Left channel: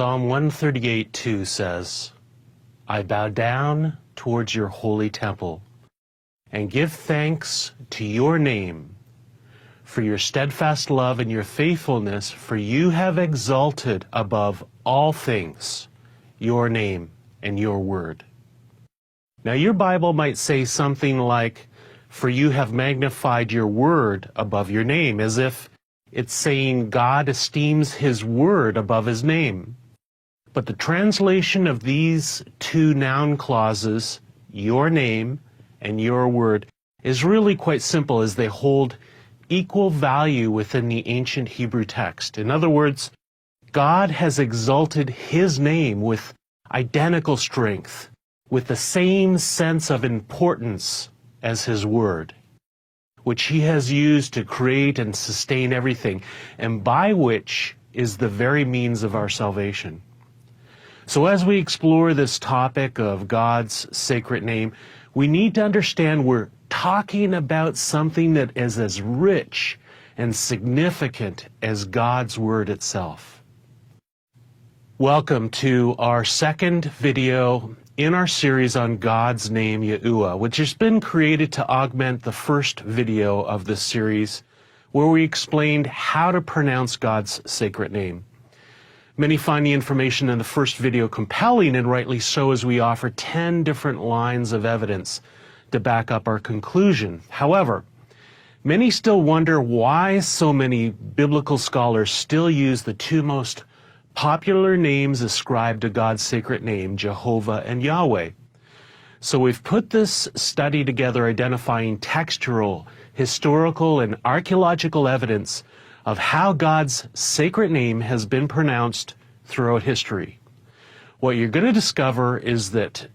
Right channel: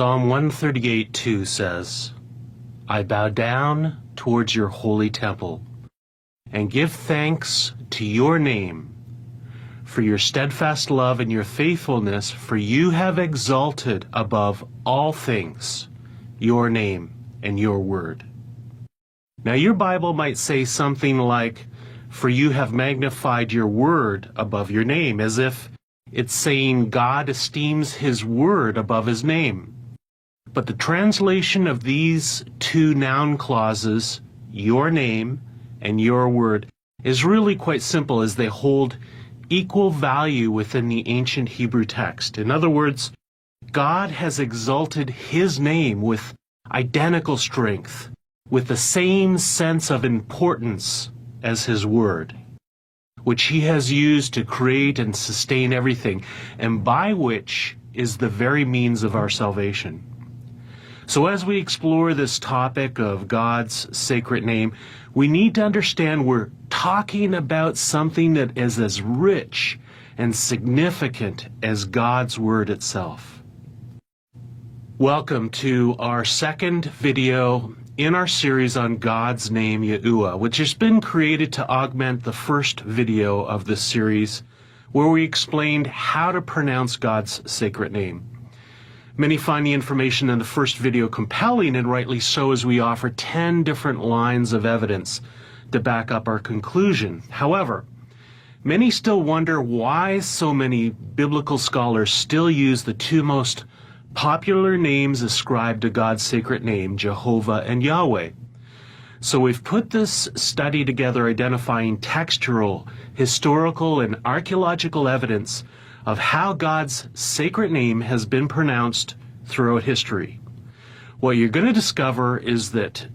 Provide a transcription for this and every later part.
Psalm 138:2 says, I bow down towards your holy temple and give thanks to your name for your steadfast love and your faithfulness, for you have exalted above all things your name and your word. Now your Bible might say something like, for you have magnified your word above your name, as if it's saying God esteems his word above his name. But the translation of these two noun clauses, your name and your word, is really quite simple, as they hold equal value within the ancient Hebrew text. In other words, God has exalted his name with identical strength, with the same sense of importance as his word, which he has used to create and sustain everything, and by which is the very means of our salvation. So as we explore this topic of God's sacred name, we need to understand we're talking about something that is as rich and significant as God's word itself. Welcome to our second video in our series on God's name, YAHUAH, which has been created to augment the first video of this series, where we explained how to pronounce God's sacred name. Many find the information in the first video compelling, and rightly so, as we offer 10 different lines of evidence to back up our conclusion. However, many still wonder why so many biblical scholars still use the two most popular names ascribed to God's sacred name, Jehovah and Yahweh. So we've put this study together identifying textual, historical, and archaeological evidence of how God's sacred name has been pronounced throughout history. What you're going to discover is that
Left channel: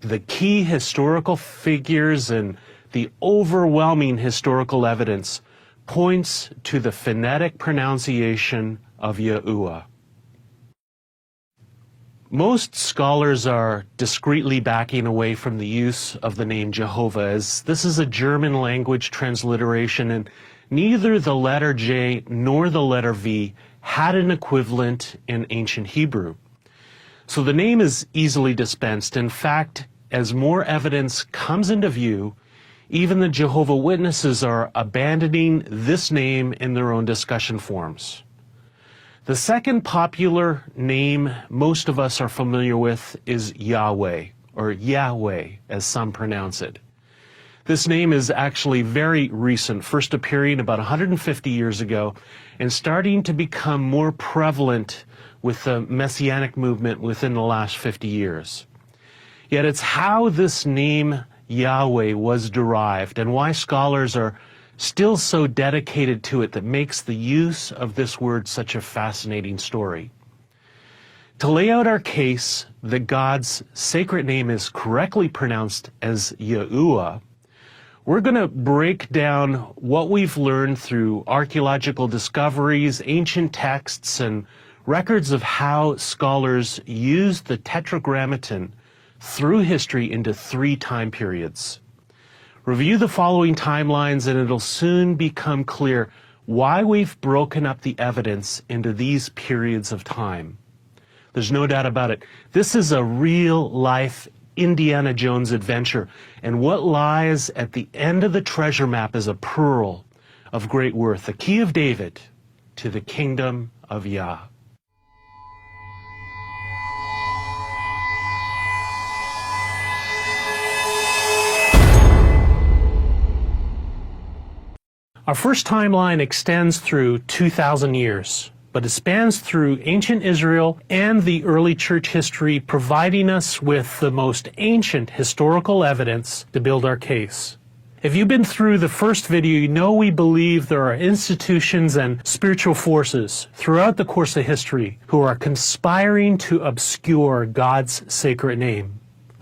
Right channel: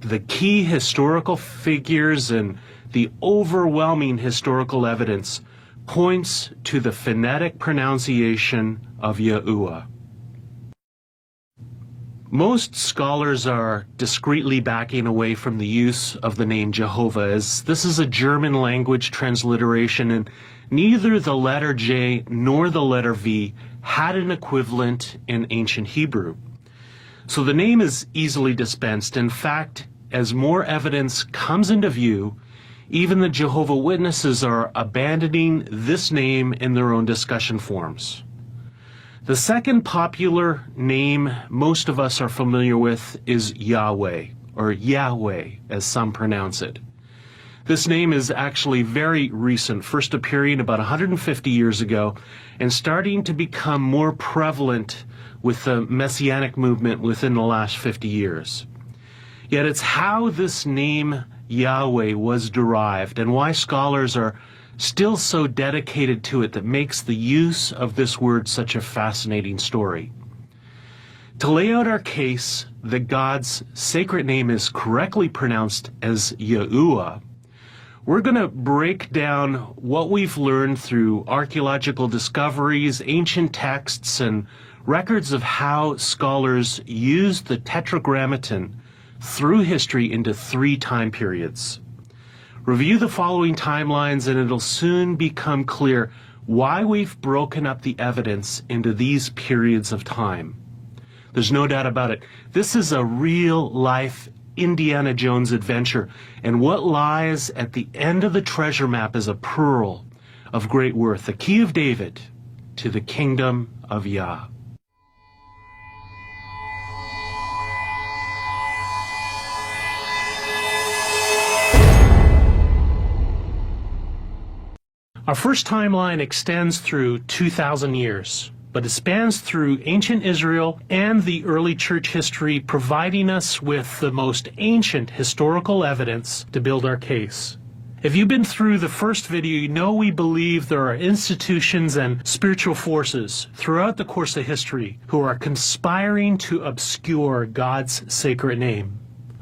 the key historical figures and the overwhelming historical evidence points to the phonetic pronunciation of YAHUAH. Most scholars are discreetly backing away from the use of the name Jehovah, as this is a German language transliteration, and neither the letter J nor the letter V had an equivalent in ancient Hebrew. So the name is easily dispensed. In fact, as more evidence comes into view, even the Jehovah's Witnesses are abandoning this name in their own discussion forums. The second popular name most of us are familiar with is Yahweh, or Yahweh, as some pronounce it. This name is actually very recent, first appearing about 150 years ago, and starting to become more prevalent with the Messianic movement within the last 50 years. Yet it's how this name Yahweh was derived and why scholars are still so dedicated to it that makes the use of this word such a fascinating story. To lay out our case that God's sacred name is correctly pronounced as YAHUAH, we're going to break down what we've learned through archaeological discoveries, ancient texts, and records of how scholars used the Tetragrammaton through history into 3 time periods. Review the following timelines and it'll soon become clear why we've broken up the evidence into these periods of time. There's no doubt about it. This is a real-life Indiana Jones adventure, and what lies at the end of the treasure map is a pearl of great worth, the key of David to the kingdom of Yah. Our first timeline extends through 2,000 years, but it spans through ancient Israel and the early church history, providing us with the most ancient historical evidence to build our case. If you've been through the first video, you know we believe there are institutions and spiritual forces throughout the course of history who are conspiring to obscure God's sacred name.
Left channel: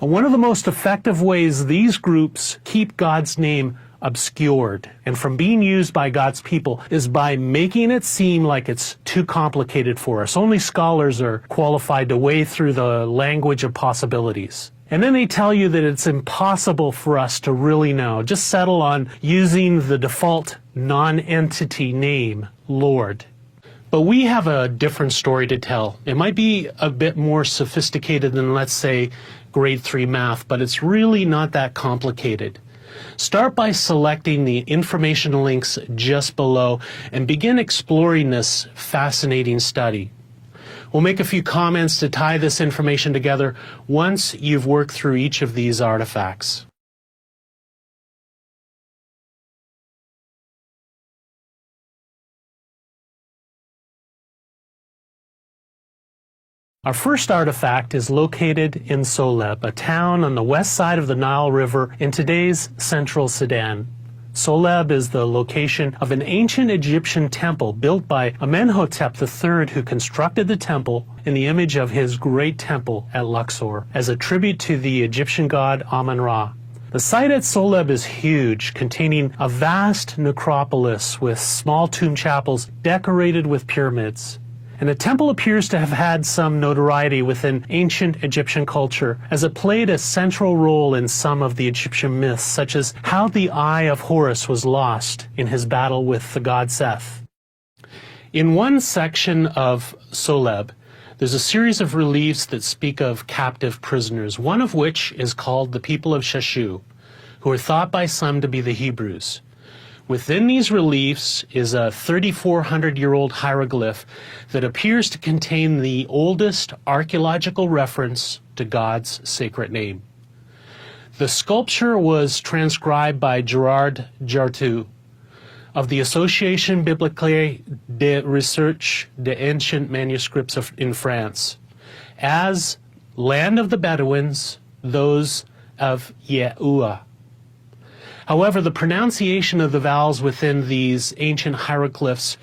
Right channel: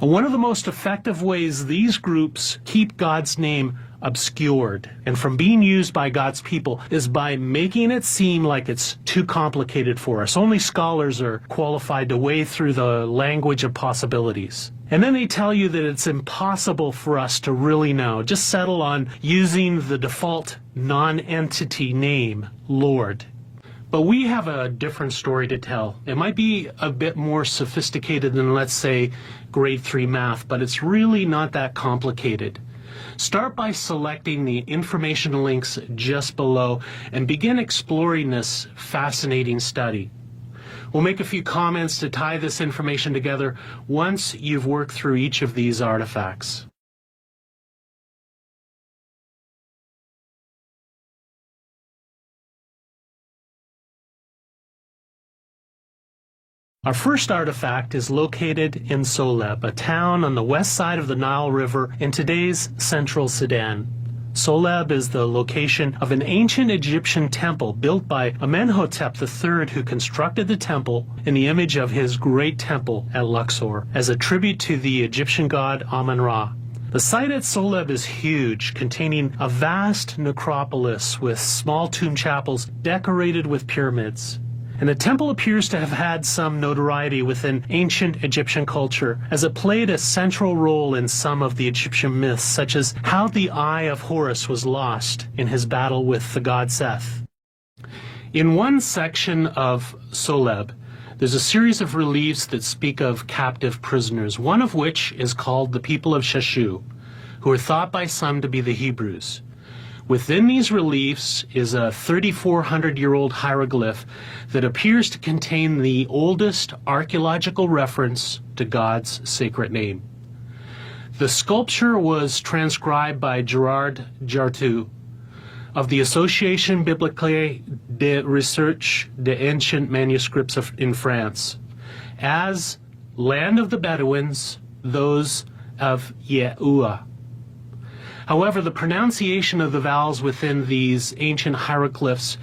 And one of the most effective ways these groups keep God's name obscured and from being used by God's people is by making it seem like it's too complicated for us. Only scholars are qualified to wade through the language of possibilities. And then they tell you that it's impossible for us to really know. Just settle on using the default non-entity name, Lord. But we have a different story to tell. It might be a bit more sophisticated than, let's say, grade 3 math, but it's really not that complicated. Start by selecting the information links just below and begin exploring this fascinating study. We'll make a few comments to tie this information together once you've worked through each of these artifacts. Our first artifact is located in Soleb, a town on the west side of the Nile River in today's central Sudan. Soleb is the location of an ancient Egyptian temple built by Amenhotep III, who constructed the temple in the image of his great temple at Luxor as a tribute to the Egyptian god Amun-Ra. The site at Soleb is huge, containing a vast necropolis with small tomb chapels decorated with pyramids. And the temple appears to have had some notoriety within ancient Egyptian culture, as it played a central role in some of the Egyptian myths, such as how the eye of Horus was lost in his battle with the god Seth. In one section of Soleb, there's a series of reliefs that speak of captive prisoners, one of which is called the people of Sheshu, who are thought by some to be the Hebrews. Within these reliefs is a 3,400-year-old hieroglyph that appears to contain the oldest archaeological reference to God's sacred name. The sculpture was transcribed by Gerard Jartu of the Association Biblique de Recherche des Anciens Manuscripts in France as Land of the Bedouins, those of YAHUAH. However, the pronunciation of the vowels within these ancient hieroglyphs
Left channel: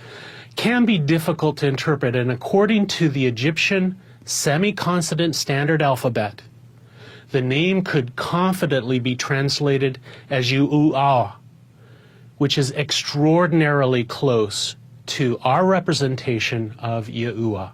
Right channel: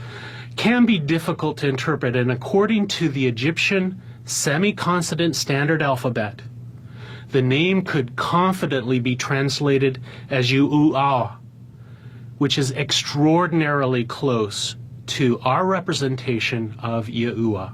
can be difficult to interpret, and according to the Egyptian semi-consonant standard alphabet, the name could confidently be translated as YAHUAH, which is extraordinarily close to our representation of YAHUAH.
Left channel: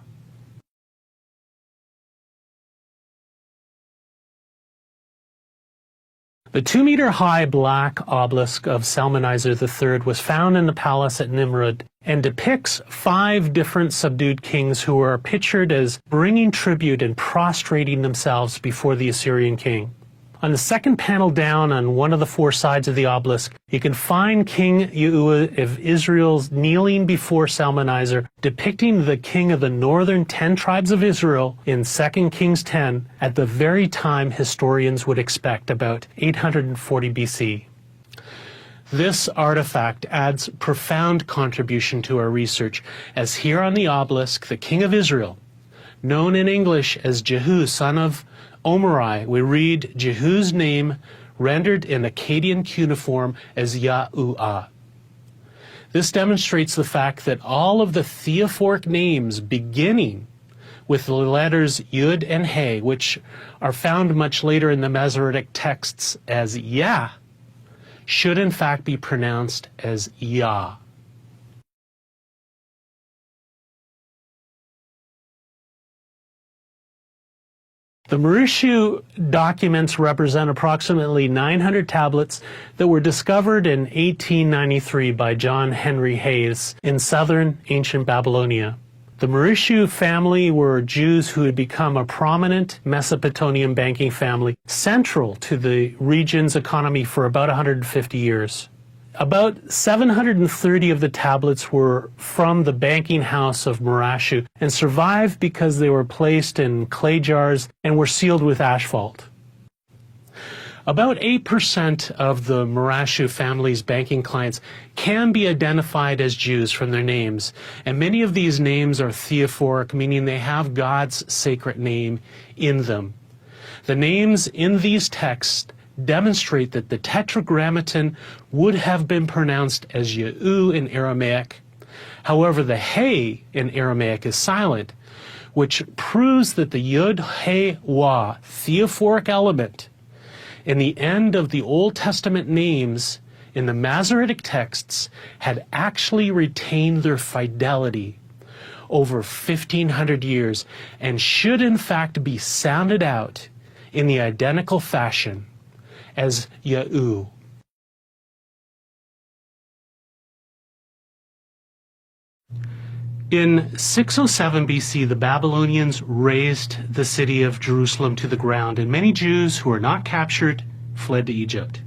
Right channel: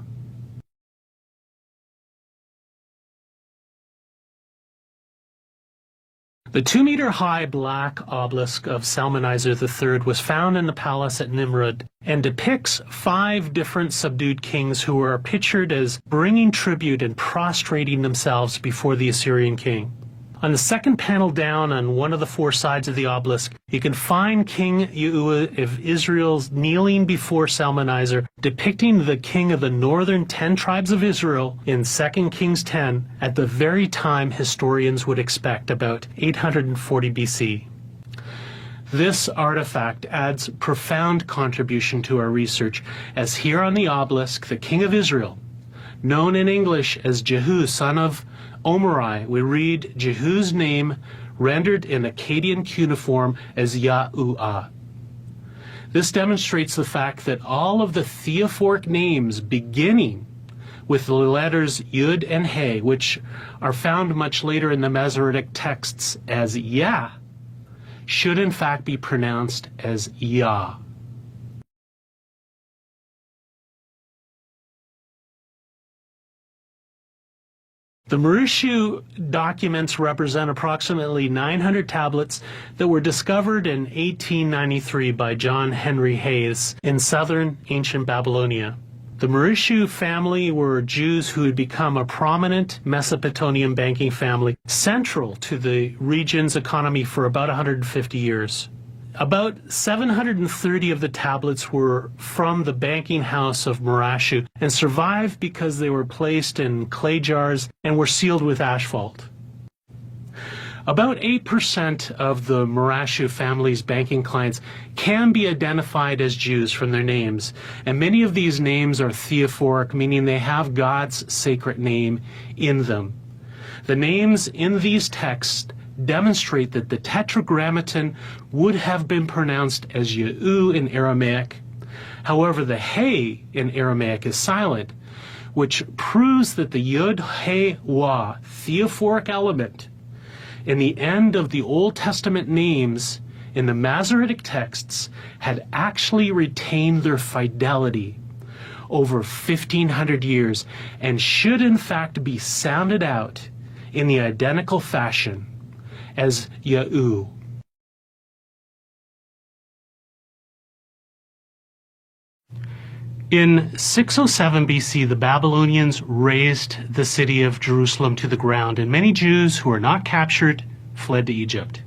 The 2-meter-high black obelisk of Salmanizer III was found in the palace at Nimrud and depicts 5 different subdued kings who are pictured as bringing tribute and prostrating themselves before the Assyrian king. On the second panel down on one of the 4 sides of the obelisk, you can find King YAHUAH of Israel kneeling before Salmanizer, depicting the king of the northern 10 tribes of Israel in 2 Kings 10 at the very time historians would expect, about 840 BC. This artifact adds profound contribution to our research, as here on the obelisk, the king of Israel, known in English as Jehu, son of Omri, we read Jehu's name rendered in Akkadian cuneiform as YAHUAH. This demonstrates the fact that all of the theophoric names beginning with the letters Yud and He, which are found much later in the Masoretic texts as Yah, should in fact be pronounced as Yah. The Mauritius documents represent approximately 900 tablets that were discovered in 1893 by John Henry Hayes in southern ancient Babylonia. The Mauritius family were Jews who had become a prominent Mesopotamian banking family, central to the region's economy for about 150 years. About 730 of the tablets were from the banking house of Mauritius and survived because they were placed in clay jars and were sealed with asphalt. About 8% of the Mauritius family's banking clients can be identified as Jews from their names, and many of these names are theophoric, meaning they have God's sacred name in them. The names in these texts demonstrate that the Tetragrammaton would have been pronounced as Yahu in Aramaic. However, the He in Aramaic is silent, which proves that the Yud He Wah theophoric element in the end of the Old Testament names in the Masoretic texts had actually retained their fidelity over 1,500 years and should in fact be sounded out in the identical fashion as Yahu. In 607 BC, the Babylonians razed the city of Jerusalem to the ground, and many Jews who were not captured fled to Egypt.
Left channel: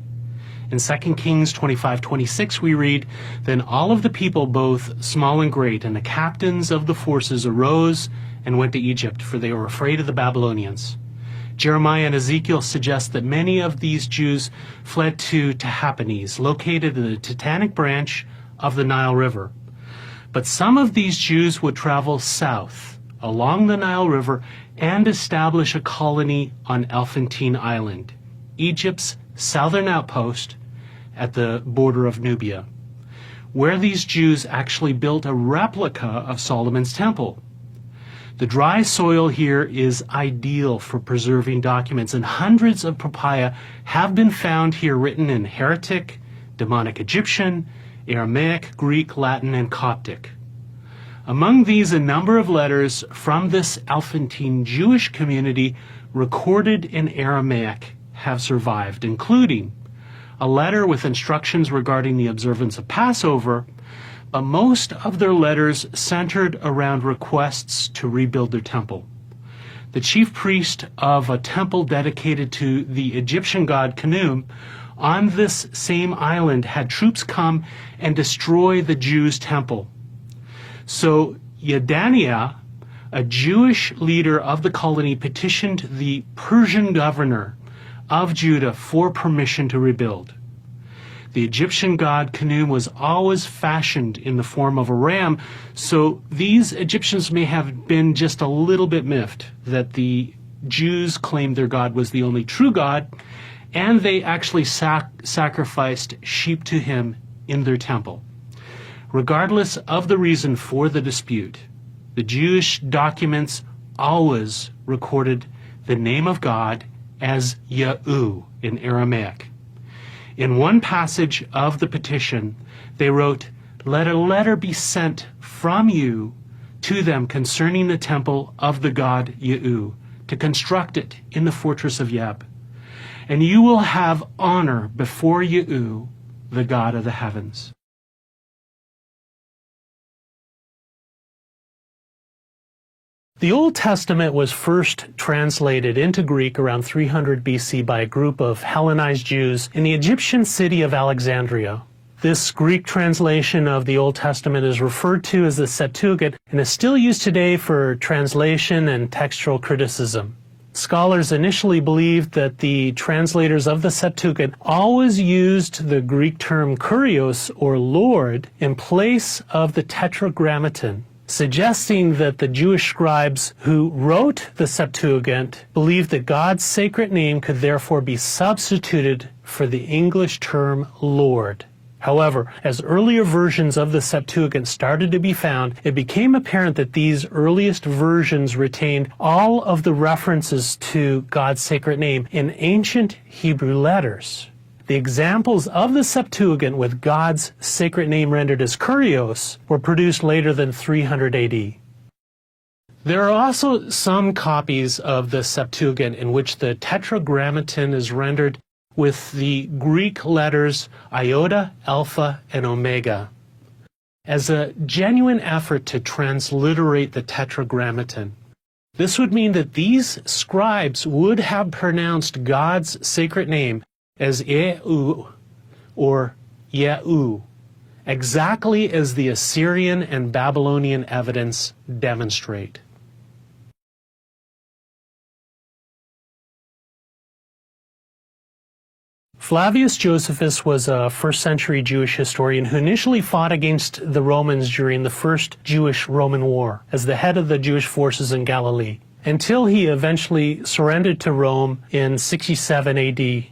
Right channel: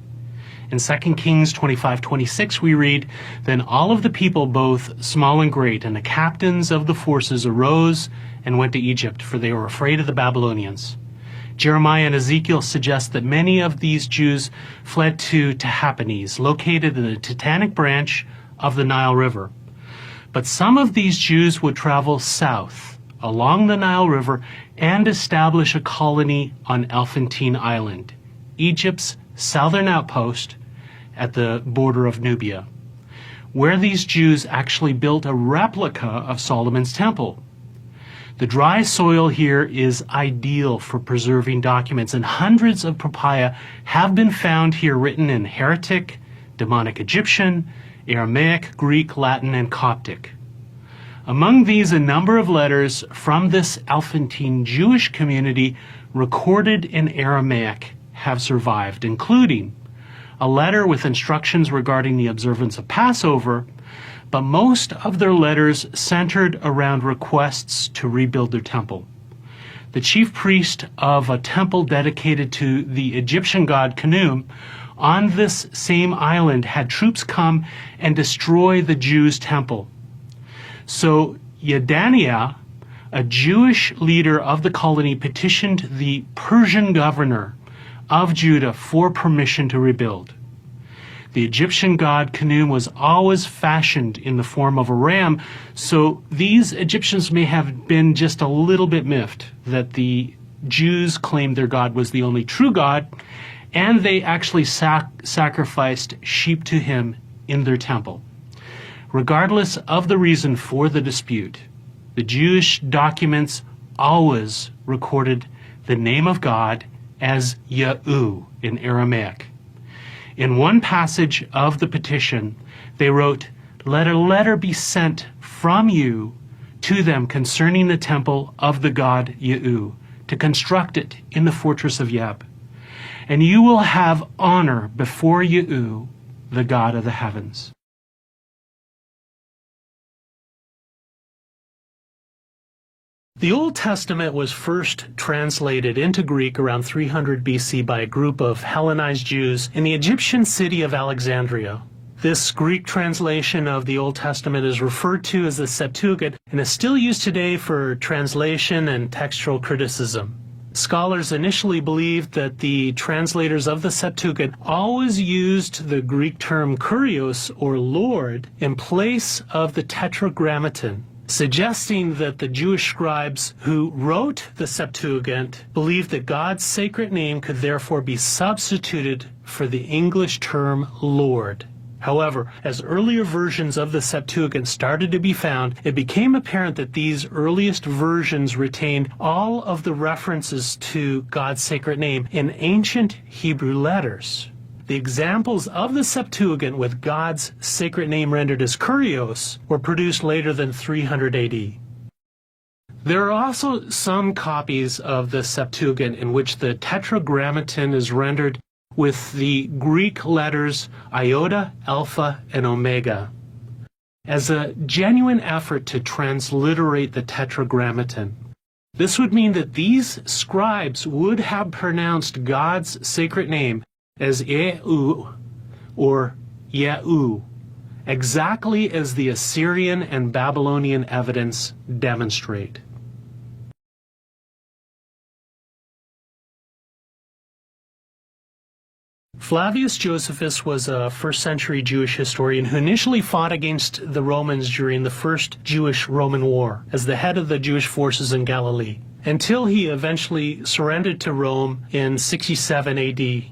In 2 Kings 25:26 we read, "Then all of the people, both small and great, and the captains of the forces arose and went to Egypt, for they were afraid of the Babylonians." Jeremiah and Ezekiel suggest that many of these Jews fled to Tahpanhes, located in the Titanic branch of the Nile River. But some of these Jews would travel south along the Nile River and establish a colony on Elephantine Island, Egypt's southern outpost at the border of Nubia, where these Jews actually built a replica of Solomon's temple. The dry soil here is ideal for preserving documents, and hundreds of papaya have been found here written in Heretic, Demonic Egyptian, Aramaic, Greek, Latin, and Coptic. Among these, a number of letters from this Elephantine Jewish community recorded in Aramaic have survived, including a letter with instructions regarding the observance of Passover, but most of their letters centered around requests to rebuild their temple. The chief priest of a temple dedicated to the Egyptian god Khnum on this same island had troops come and destroy the Jews' temple. So Yedaniah, a Jewish leader of the colony, petitioned the Persian governor of Judah for permission to rebuild. The Egyptian god Khnum was always fashioned in the form of a ram, so these Egyptians may have been just a little bit miffed that the Jews claimed their god was the only true god, and they actually sacrificed sheep to him in their temple. Regardless of the reason for the dispute, the Jewish documents always recorded the name of God as YAHUAH in Aramaic. In one passage of the petition, they wrote, "Let a letter be sent from you to them concerning the temple of the god YAHUAH, to construct it in the fortress of Yeb. And you will have honor before YAHUAH, the God of the heavens." The Old Testament was first translated into Greek around 300 BC by a group of Hellenized Jews in the Egyptian city of Alexandria. This Greek translation of the Old Testament is referred to as the Septuagint and is still used today for translation and textual criticism. Scholars initially believed that the translators of the Septuagint always used the Greek term kurios, or Lord, in place of the Tetragrammaton, suggesting that the Jewish scribes who wrote the Septuagint believed that God's sacred name could therefore be substituted for the English term Lord. However, as earlier versions of the Septuagint started to be found, it became apparent that these earliest versions retained all of the references to God's sacred name in ancient Hebrew letters. The examples of the Septuagint with God's sacred name rendered as kurios were produced later than 300 AD. There are also some copies of the Septuagint in which the Tetragrammaton is rendered with the Greek letters iota, alpha, and omega, as a genuine effort to transliterate the Tetragrammaton. This would mean that these scribes would have pronounced God's sacred name as YAHUAH or YAHUAH, exactly as the Assyrian and Babylonian evidence demonstrate. Flavius Josephus was a first-century Jewish historian who initially fought against the Romans during the First Jewish-Roman War as the head of the Jewish forces in Galilee, until he eventually surrendered to Rome in 67 AD.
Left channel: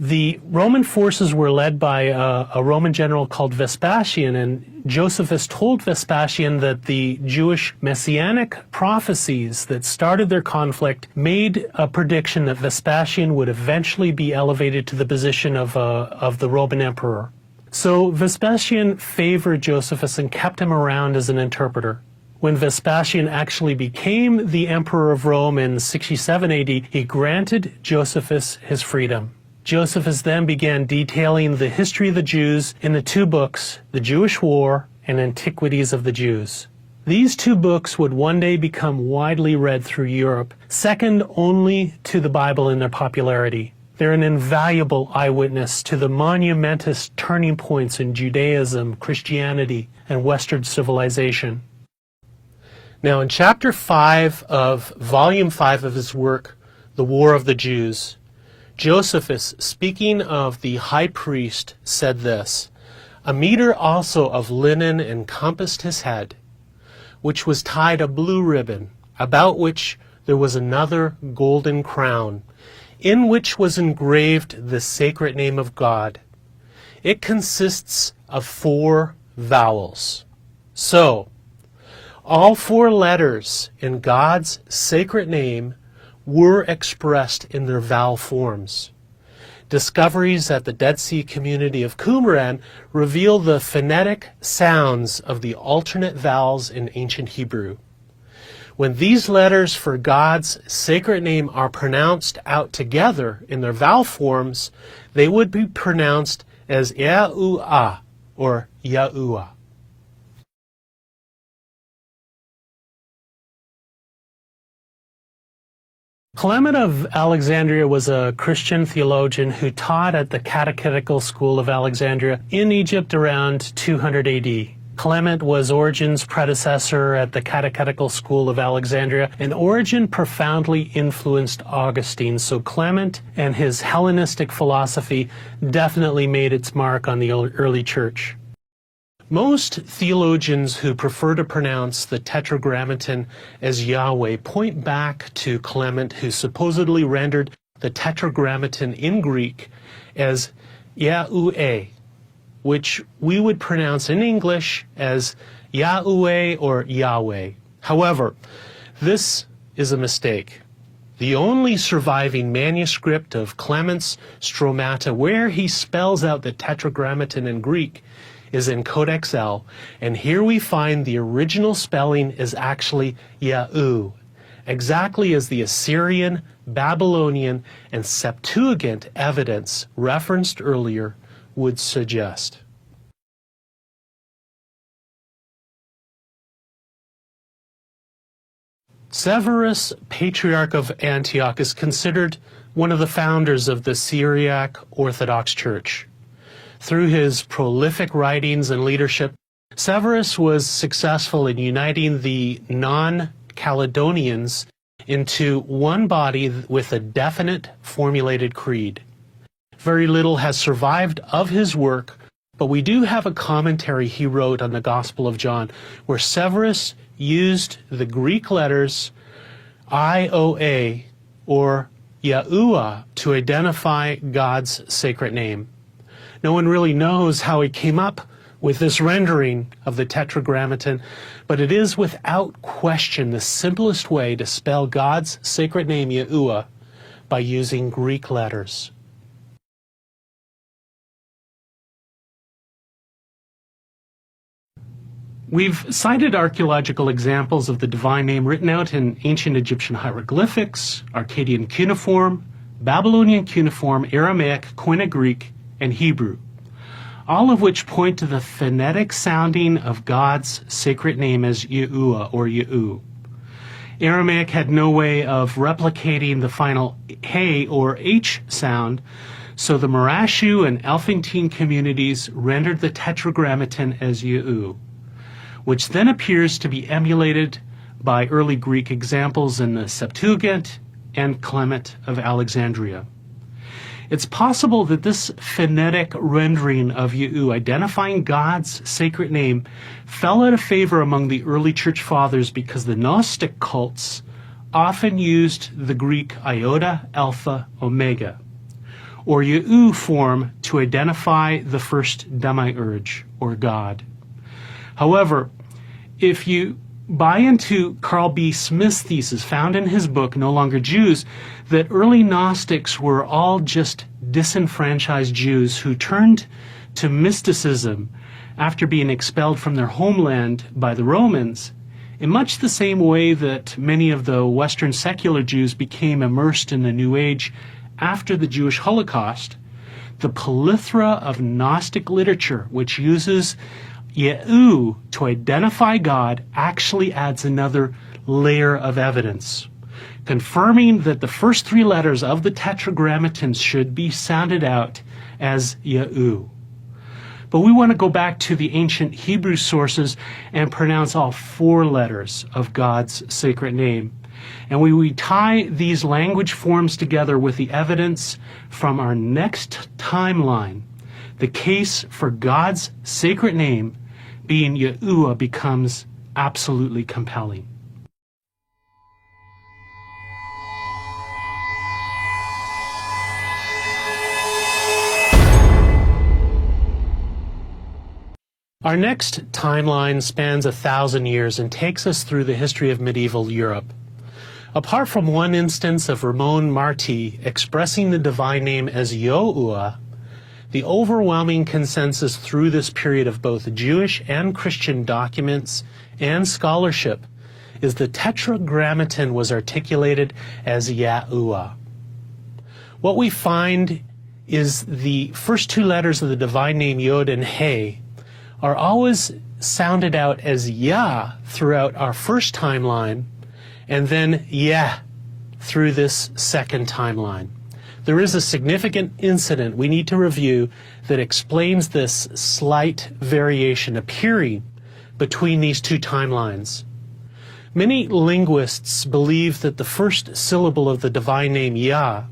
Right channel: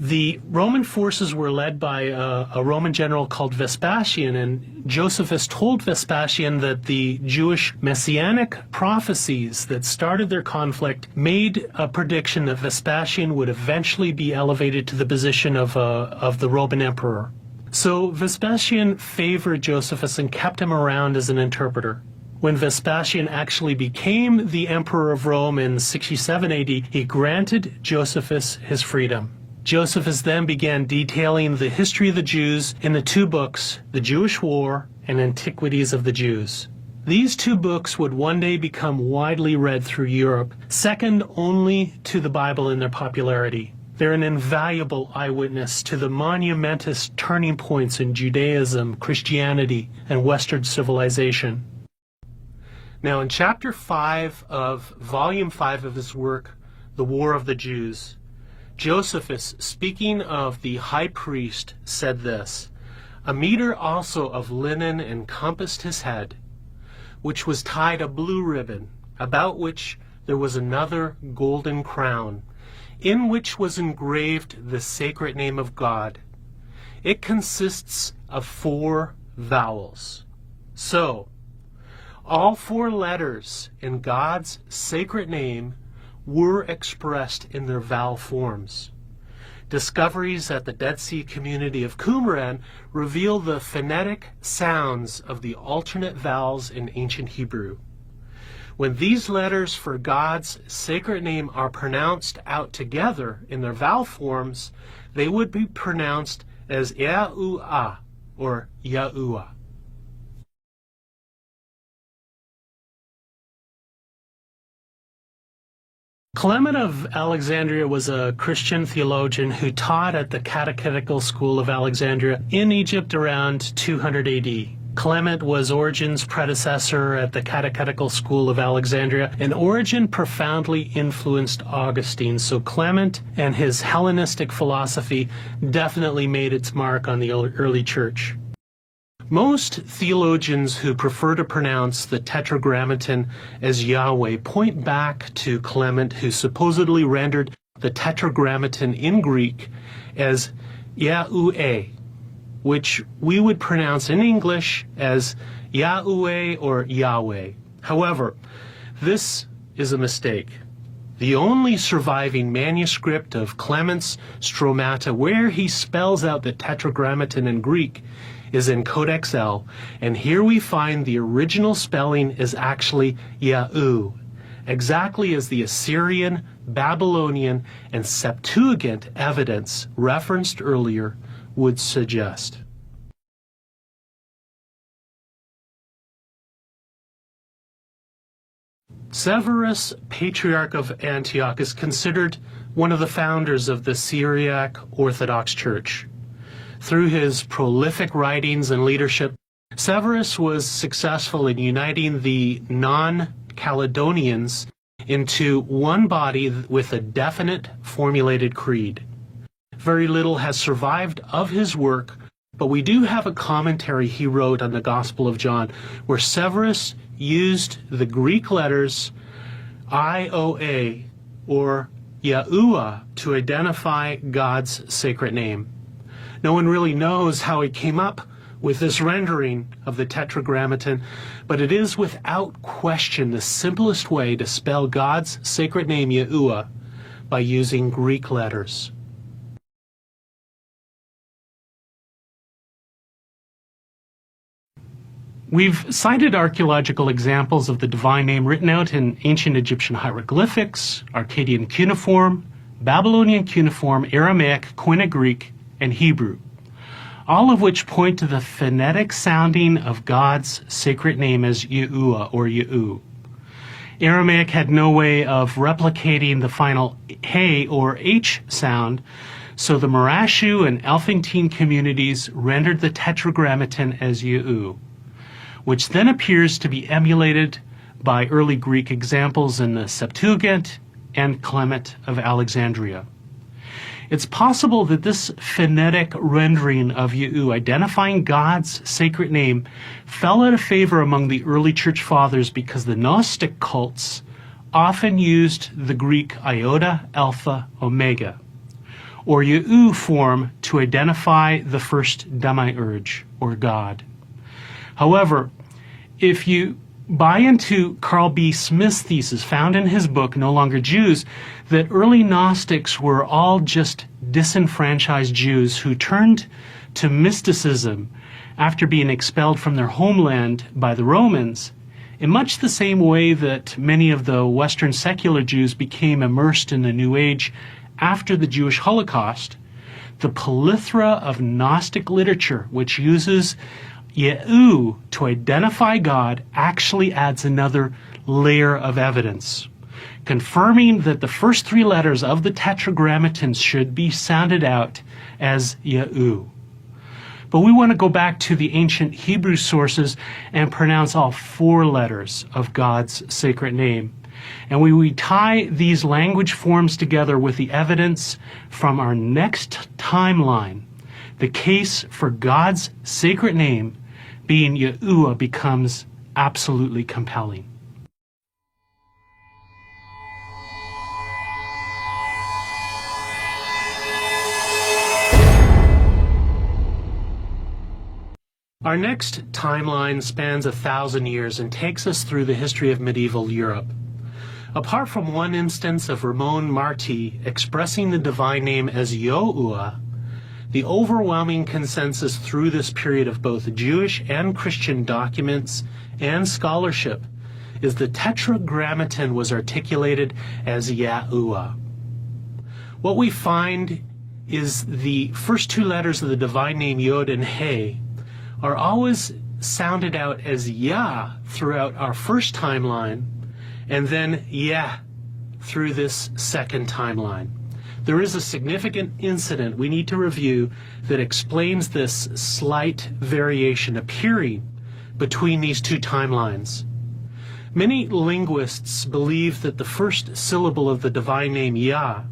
The Roman forces were led by a Roman general called Vespasian, and Josephus told Vespasian that the Jewish messianic prophecies that started their conflict made a prediction that Vespasian would eventually be elevated to the position of the Roman emperor. So Vespasian favored Josephus and kept him around as an interpreter. When Vespasian actually became the emperor of Rome in 67 AD, he granted Josephus his freedom. Josephus then began detailing the history of the Jews in the two books, The Jewish War and Antiquities of the Jews. These two books would one day become widely read through Europe, second only to the Bible in their popularity. They're an invaluable eyewitness to the monumentous turning points in Judaism, Christianity, and Western civilization. Now, in Chapter 5 of Volume 5 of his work, The War of the Jews, Josephus, speaking of the high priest, said this, "A mitre also of linen encompassed his head, which was tied a blue ribbon, about which there was another golden crown, in which was engraved the sacred name of God. It consists of 4 vowels. So, all 4 letters in God's sacred name were expressed in their vowel forms. Discoveries at the Dead Sea community of Qumran reveal the phonetic sounds of the alternate vowels in ancient Hebrew. When these letters for God's sacred name are pronounced out together in their vowel forms, they would be pronounced as YAHUAH or YAHUAH. Clement of Alexandria was a Christian theologian who taught at the Catechetical School of Alexandria in Egypt around 200 AD. Clement was Origen's predecessor at the Catechetical School of Alexandria, and Origen profoundly influenced Augustine, so Clement and his Hellenistic philosophy definitely made its mark on the early church. Most theologians who prefer to pronounce the Tetragrammaton as Yahweh point back to Clement, who supposedly rendered the Tetragrammaton in Greek as YAHUAH, which we would pronounce in English as Yahuwah or Yahweh. However, this is a mistake. The only surviving manuscript of Clement's Stromata where he spells out the Tetragrammaton in Greek is in Codex L, and here we find the original spelling is actually Yahu, exactly as the Assyrian, Babylonian, and Septuagint evidence referenced earlier would suggest. Severus, Patriarch of Antioch, is considered one of the founders of the Syriac Orthodox Church. Through his prolific writings and leadership, Severus was successful in uniting the non-Caledonians into one body with a definite formulated creed. Very little has survived of his work, but we do have a commentary he wrote on the Gospel of John, where Severus used the Greek letters IOA or Yahuwah to identify God's sacred name. No one really knows how he came up with this rendering of the Tetragrammaton, but it is without question the simplest way to spell God's sacred name Yahuwah by using Greek letters. We've cited archaeological examples of the divine name written out in ancient Egyptian hieroglyphics, Akkadian cuneiform, Babylonian cuneiform, Aramaic, Koine Greek, and Hebrew, all of which point to the phonetic sounding of God's sacred name as Yahuwah or Yahu. Aramaic had no way of replicating the final He or H sound, so the Marashu and Elephantine communities rendered the Tetragrammaton as Yahu, which then appears to be emulated by early Greek examples in the Septuagint and Clement of Alexandria. It's possible that this phonetic rendering of Yahu, identifying God's sacred name, fell out of favor among the early church fathers because the Gnostic cults often used the Greek iota, alpha, omega, or Yahu form to identify the first demiurge, or God. However, if you buy into Carl B. Smith's thesis, found in his book, No Longer Jews, that early Gnostics were all just disenfranchised Jews who turned to mysticism after being expelled from their homeland by the Romans, in much the same way that many of the Western secular Jews became immersed in the New Age after the Jewish Holocaust, the plethora of Gnostic literature, which uses Yahu, to identify God, actually adds another layer of evidence, confirming that the first three letters of the Tetragrammaton should be sounded out as Yahu. But we want to go back to the ancient Hebrew sources and pronounce all four letters of God's sacred name. And we tie these language forms together with the evidence from our next timeline. The case for God's sacred name being YAHUAH becomes absolutely compelling. Our next timeline spans 1,000 years and takes us through the history of medieval Europe. Apart from one instance of Ramon Martí expressing the divine name as YAHUAH, the overwhelming consensus through this period of both Jewish and Christian documents and scholarship is the Tetragrammaton was articulated as YAHUAH. What we find is the first two letters of the divine name Yod and He are always sounded out as Yah throughout our first timeline, and then Yeh through this second timeline. There is a significant incident we need to review that explains this slight variation appearing between these two timelines. Many linguists believe that the first syllable of the divine name Yah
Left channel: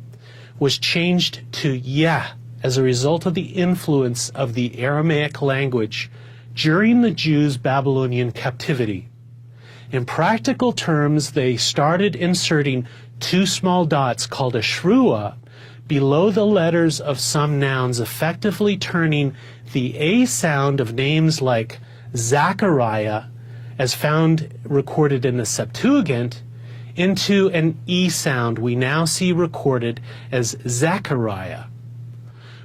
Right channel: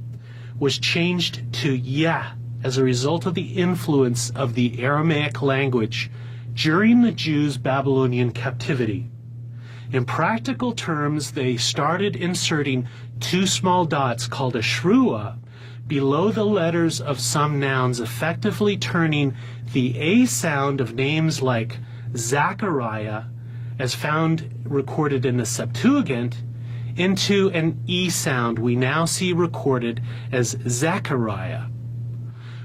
was changed to Yeh as a result of the influence of the Aramaic language during the Jews' Babylonian captivity. In practical terms, they started inserting two small dots called a shruah below the letters of some nouns, effectively turning the A sound of names like Zachariah, as found recorded in the Septuagint, into an E sound we now see recorded as Zechariah.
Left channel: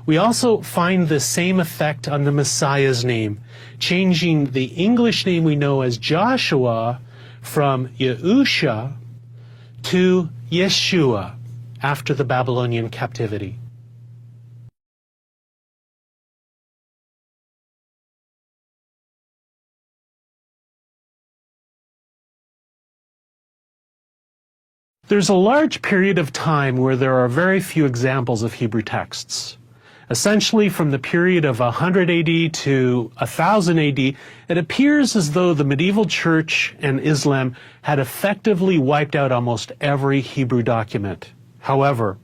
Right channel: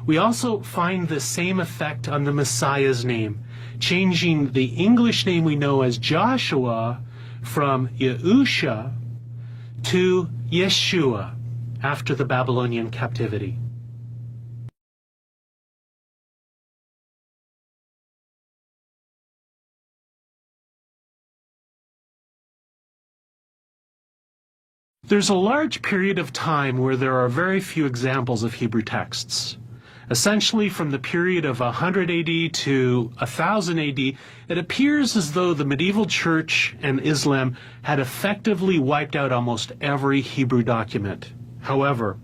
We also find the same effect on the Messiah's name, changing the English name we know as Joshua from Yahusha to Yeshua after the Babylonian captivity. There's a large period of time where there are very few examples of Hebrew texts. Essentially, from the period of 100 AD to 1000 AD, it appears as though the medieval church and Islam had effectively wiped out almost every Hebrew document. However,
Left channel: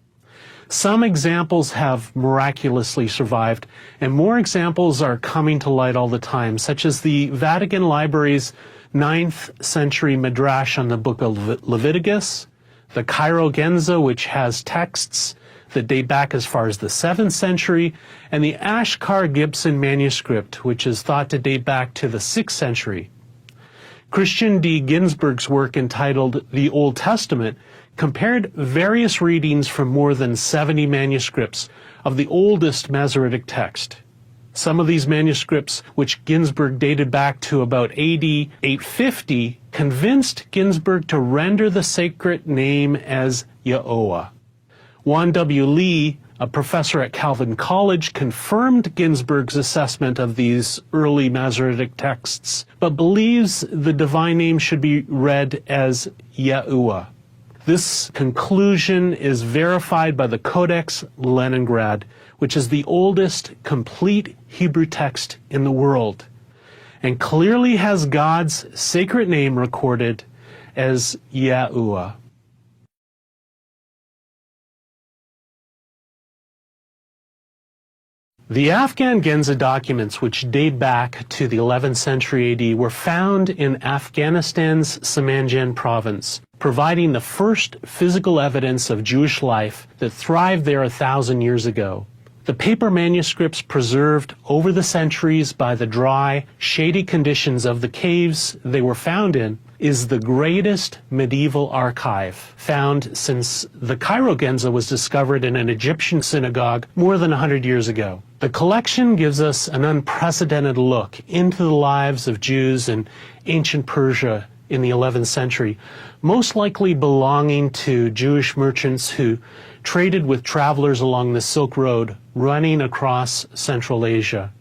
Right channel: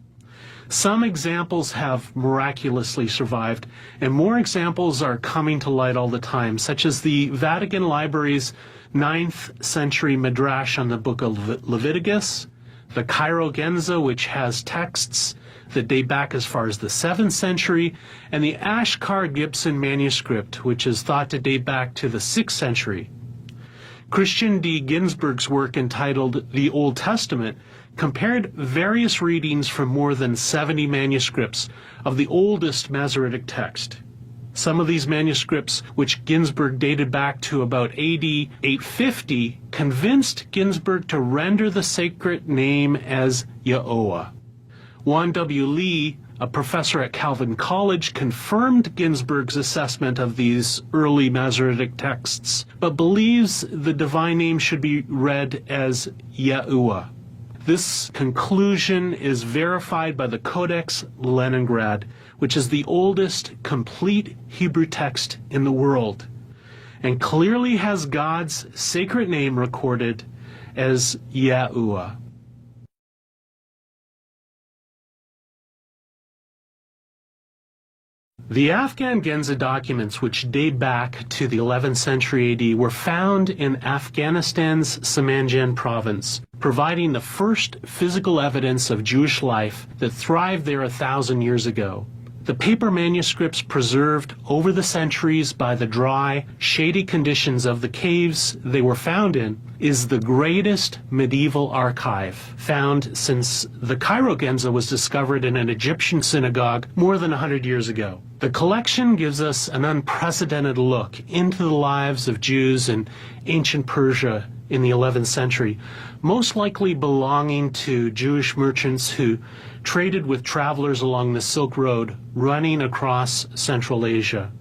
some examples have miraculously survived, and more examples are coming to light all the time, such as the Vatican Library's 9th century Midrash on the book of Leviticus, the Cairo Genza, which has texts that date back as far as the 7th century, and the Ashkar Gibson manuscript, which is thought to date back to the 6th century. Christian D. Ginsburg's work entitled The Old Testament compared various readings from more than 70 manuscripts of the oldest Masoretic text. Some of these manuscripts, which Ginsburg dated back to about AD 850, convinced Ginsburg to render the sacred name as YAHUAH. Juan W. Lee, a professor at Calvin College, confirmed Ginsburg's assessment of these early Masoretic texts, but believes the divine name should be read as YAHUAH. This conclusion is verified by the Codex Leningrad, which is the oldest complete Hebrew text in the world, and clearly has God's sacred name recorded as YAHUAH. The Afghan Genza documents, which date back to the 11th century AD, were found in Afghanistan's Samanjan province, providing the first physical evidence of Jewish life that thrived there 1,000 years ago. The paper manuscripts preserved over the centuries by the dry, shady conditions of the caves they were found in is the greatest medieval archive found since the Cairo Genza was discovered in an Egyptian synagogue more than 100 years ago. The collection gives us an unprecedented look into the lives of Jews in ancient Persia in the 11th century, most likely belonging to Jewish merchants who traded with travelers along the Silk Road running across Central Asia.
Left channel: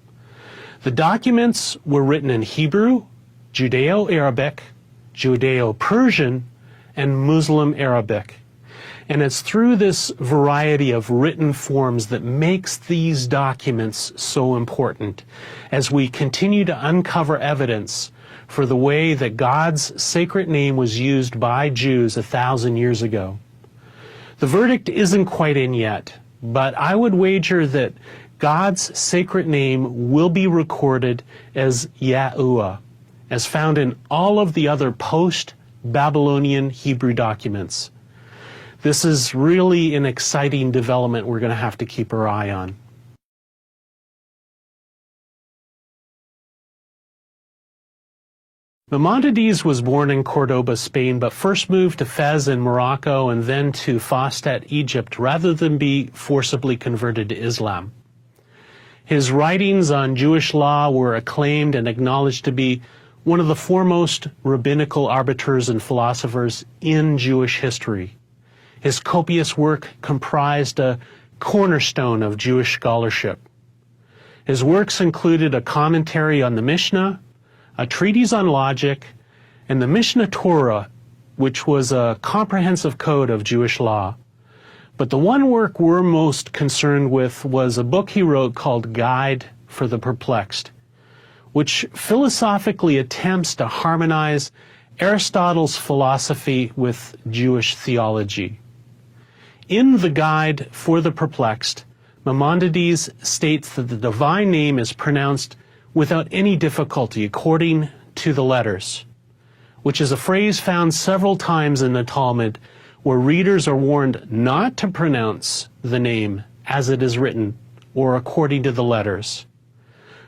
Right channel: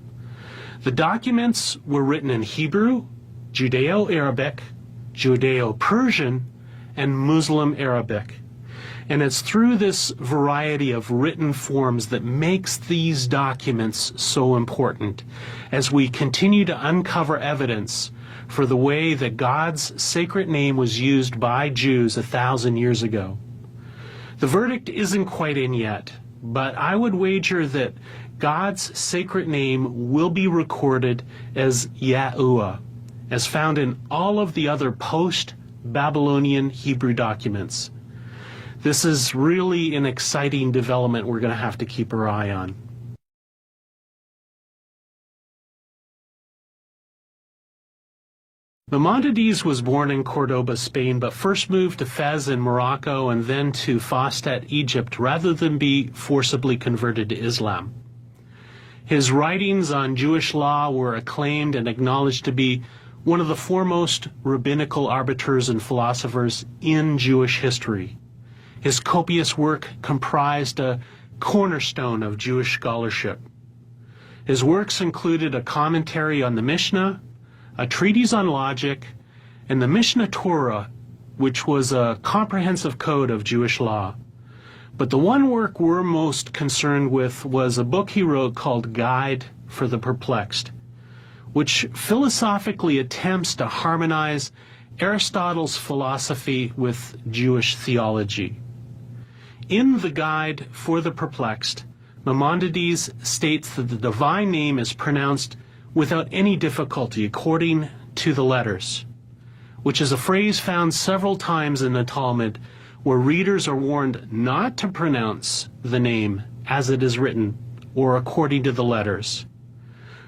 The documents were written in Hebrew, Judeo-Arabic, Judeo-Persian, and Muslim Arabic. And it's through this variety of written forms that makes these documents so important as we continue to uncover evidence for the way that God's sacred name was used by Jews 1,000 years ago. The verdict isn't quite in yet, but I would wager that God's sacred name will be recorded as YAHUAH, as found in all of the other post-Babylonian Hebrew documents. This is really an exciting development we're going to have to keep our eye on. Maimonides was born in Cordoba, Spain, but first moved to Fez in Morocco and then to Fustat, Egypt, rather than be forcibly converted to Islam. His writings on Jewish law were acclaimed and acknowledged to be one of the foremost rabbinical arbiters and philosophers in Jewish history. His copious work comprised a cornerstone of Jewish scholarship. His works included a commentary on the Mishnah, a treatise on logic, and the Mishnah Torah, which was a comprehensive code of Jewish law. But the one work we're most concerned with was a book he wrote called Guide for the Perplexed, which philosophically attempts to harmonize Aristotle's philosophy with Jewish theology. In the Guide for the Perplexed, Maimonides states that the divine name is pronounced without any difficulty according to the letters, which is a phrase found several times in the Talmud where readers are warned not to pronounce the name as it is written or according to the letters.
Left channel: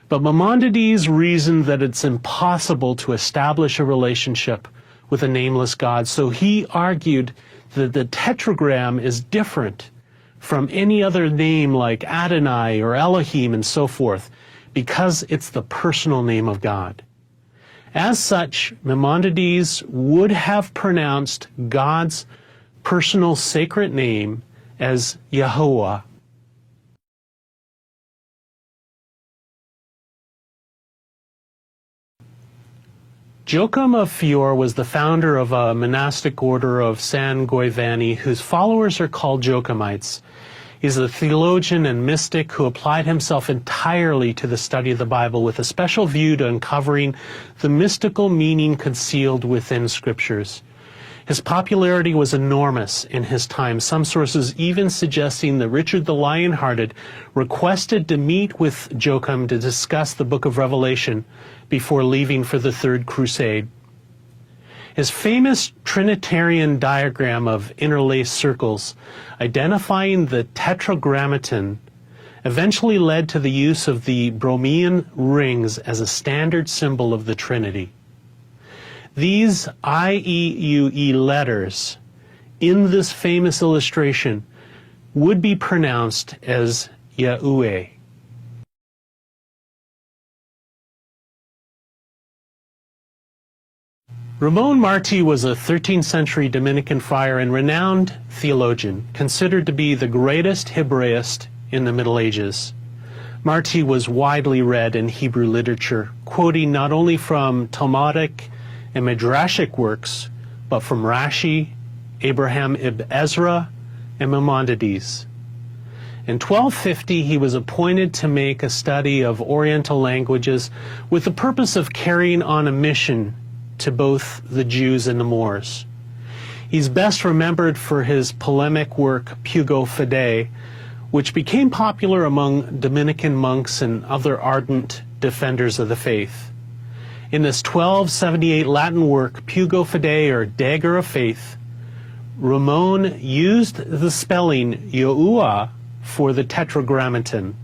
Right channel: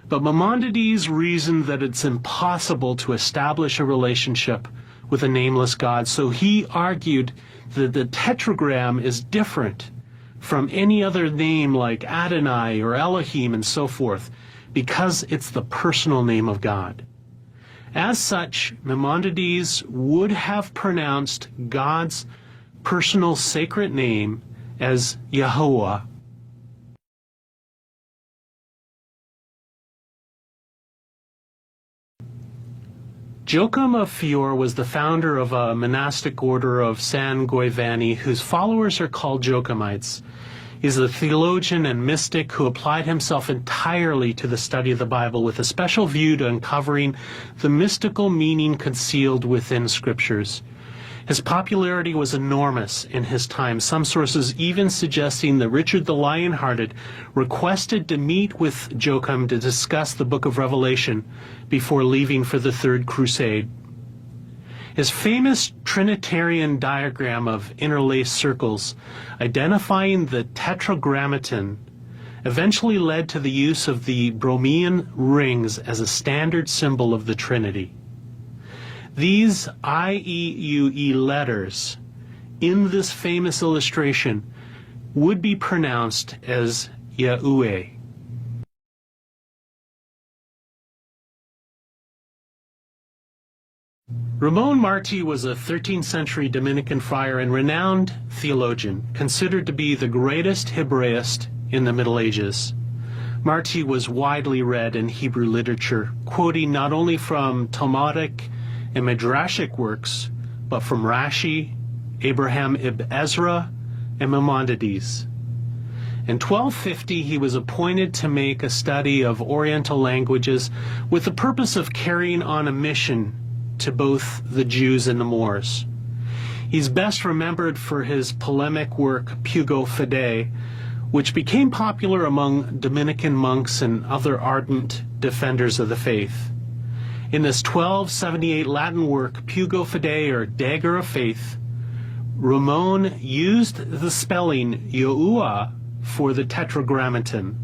But Maimonides reasoned that it's impossible to establish a relationship with a nameless God, so he argued that the tetragram is different from any other name like Adonai or Elohim and so forth, because it's the personal name of God. As such, Maimonides would have pronounced God's personal sacred name as YAHUAH. Joachim of Fior was the founder of a monastic order of San Giovanni, whose followers are called Joachimites. He's a theologian and mystic who applied himself entirely to the study of the Bible with a special view to uncovering the mystical meaning concealed within scriptures. His popularity was enormous in his time, some sources even suggesting that Richard the Lionhearted requested to meet with Joachim to discuss the book of Revelation before leaving for the Third Crusade. His famous Trinitarian diagram of interlaced circles identifying the tetragrammaton eventually led to the use of the Bromian rings as a standard symbol of the Trinity. These IEUE letters in this famous illustration would be pronounced as YAHUAH. Ramon Martí was a 13th century Dominican friar and renowned theologian, considered to be the greatest Hebraist in the Middle Ages. Martí was widely read in Hebrew literature, quoting not only from Talmudic and Midrashic works, but from Rashi, Abraham ibn Ezra, and Maimonides. In 1250, he was appointed to make a study of Oriental languages with the purpose of carrying on a mission to both the Jews and the Moors. He's best remembered for his polemic work Pugo Fidei, which became popular among Dominican monks and other ardent defenders of the faith. In this 1278 Latin work, Pugo Fidei, or Dagger of Faith, Ramon used the spelling YAHUAH for the tetragrammaton,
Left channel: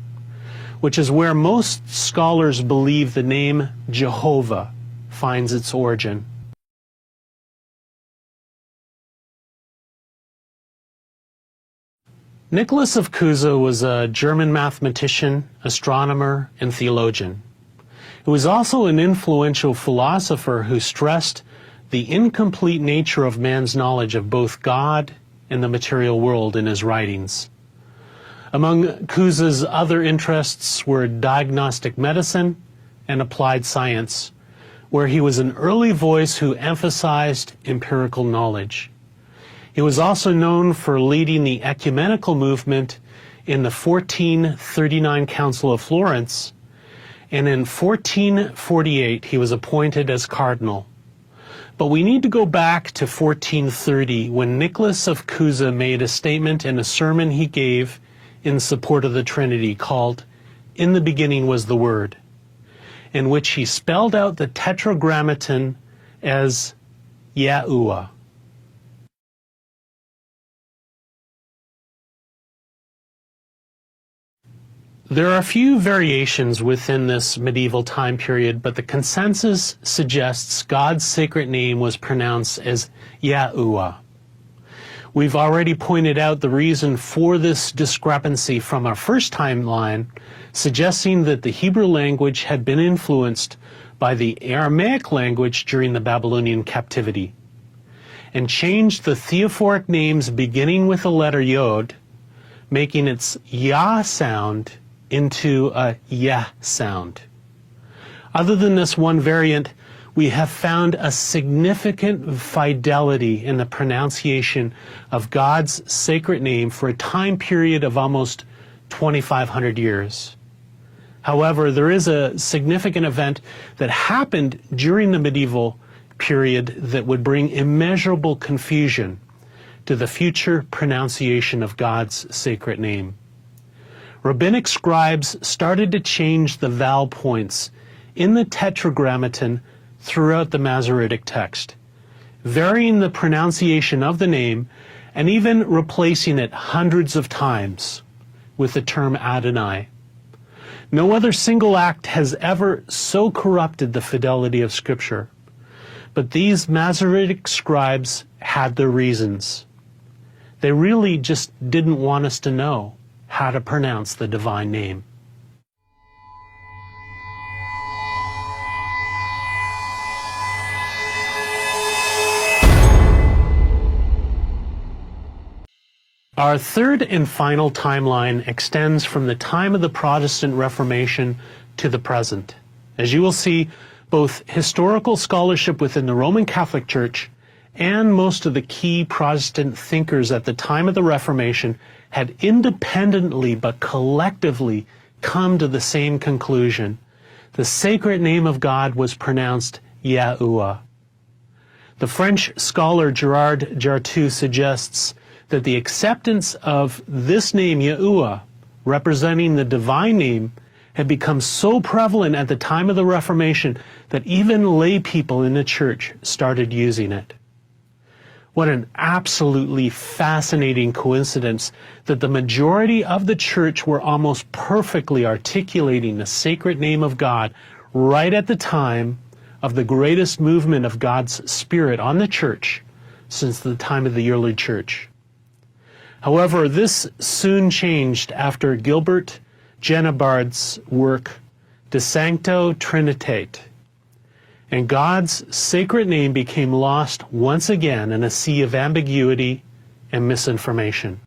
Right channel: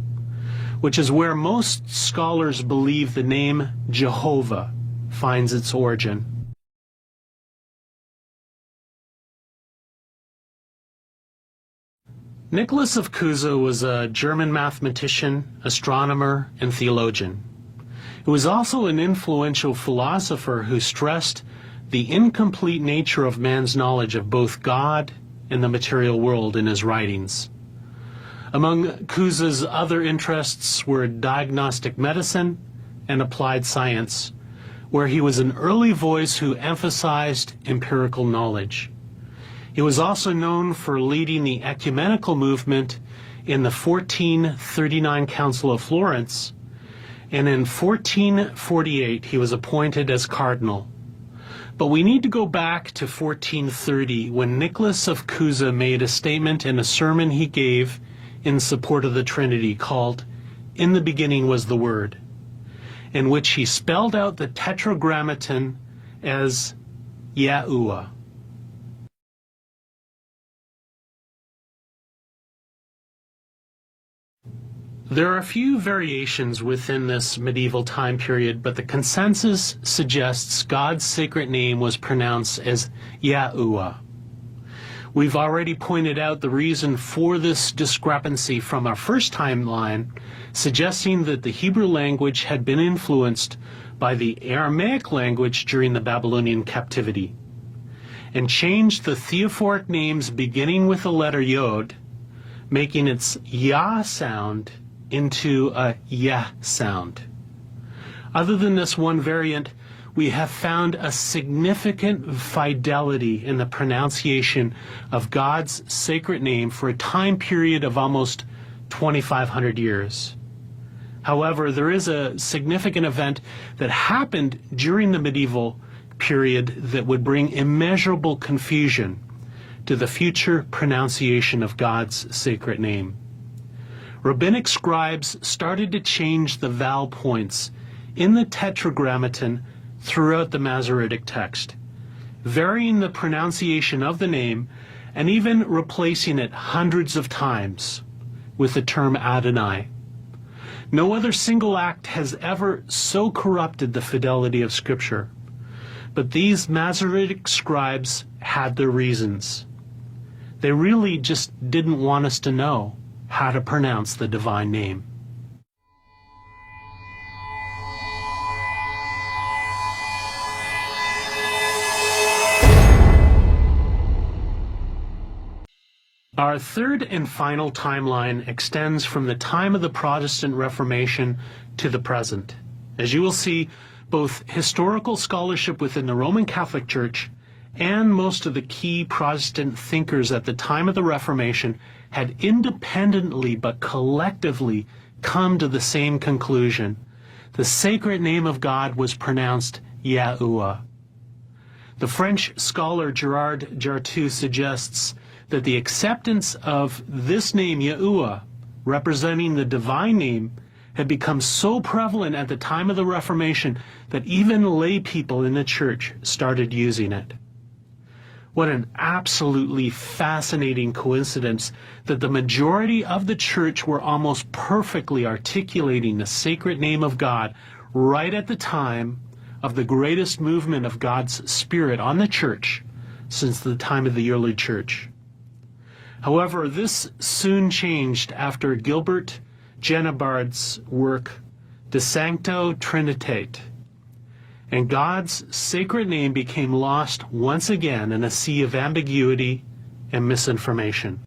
which is where most scholars believe the name Jehovah finds its origin. Nicholas of Cusa was a German mathematician, astronomer, and theologian. He was also an influential philosopher who stressed the incomplete nature of man's knowledge of both God and the material world in his writings. Among Cusa's other interests were diagnostic medicine, and applied science, where he was an early voice who emphasized empirical knowledge. He was also known for leading the ecumenical movement in the 1439 Council of Florence, and in 1448 he was appointed as cardinal. But we need to go back to 1430, when Nicholas of Cusa made a statement in a sermon he gave in support of the Trinity called "In the Beginning Was the Word," in which he spelled out the Tetragrammaton as YAHUAH. There are a few variations within this medieval time period, but the consensus suggests God's sacred name was pronounced as YAHUAH. We've already pointed out the reason for this discrepancy from our first timeline, suggesting that the Hebrew language had been influenced by the Aramaic language during the Babylonian captivity, and changed the theophoric names beginning with the letter Yod, making its Yah sound into a Yeh sound. Other than this one variant, we have found a significant fidelity in the pronunciation of God's sacred name for a time period of almost 2,500 years. However, there is a significant event that happened during the medieval period that would bring immeasurable confusion to the future pronunciation of God's sacred name. Rabbinic scribes started to change the vowel points in the Tetragrammaton throughout the Masoretic text, varying the pronunciation of the name and even replacing it hundreds of times with the term Adonai. No other single act has ever so corrupted the fidelity of Scripture, but these Masoretic scribes had their reasons. They really just didn't want us to know how to pronounce the divine name. Our third and final timeline extends from the time of the Protestant Reformation to the present. As you will see, both historical scholarship within the Roman Catholic Church and most of the key Protestant thinkers at the time of the Reformation had independently but collectively come to the same conclusion. The sacred name of God was pronounced YAHUAH. The French scholar Gerard Jartou suggests that the acceptance of this name YAHUAH, representing the divine name, had become so prevalent at the time of the Reformation that even lay people in the church started using it. What an absolutely fascinating coincidence that the majority of the church were almost perfectly articulating the sacred name of God right at the time of the greatest movement of God's Spirit on the church since the time of the early church. However, this soon changed after Gilbert Genabard's work De Sancto Trinitate, and God's sacred name became lost once again in a sea of ambiguity and misinformation.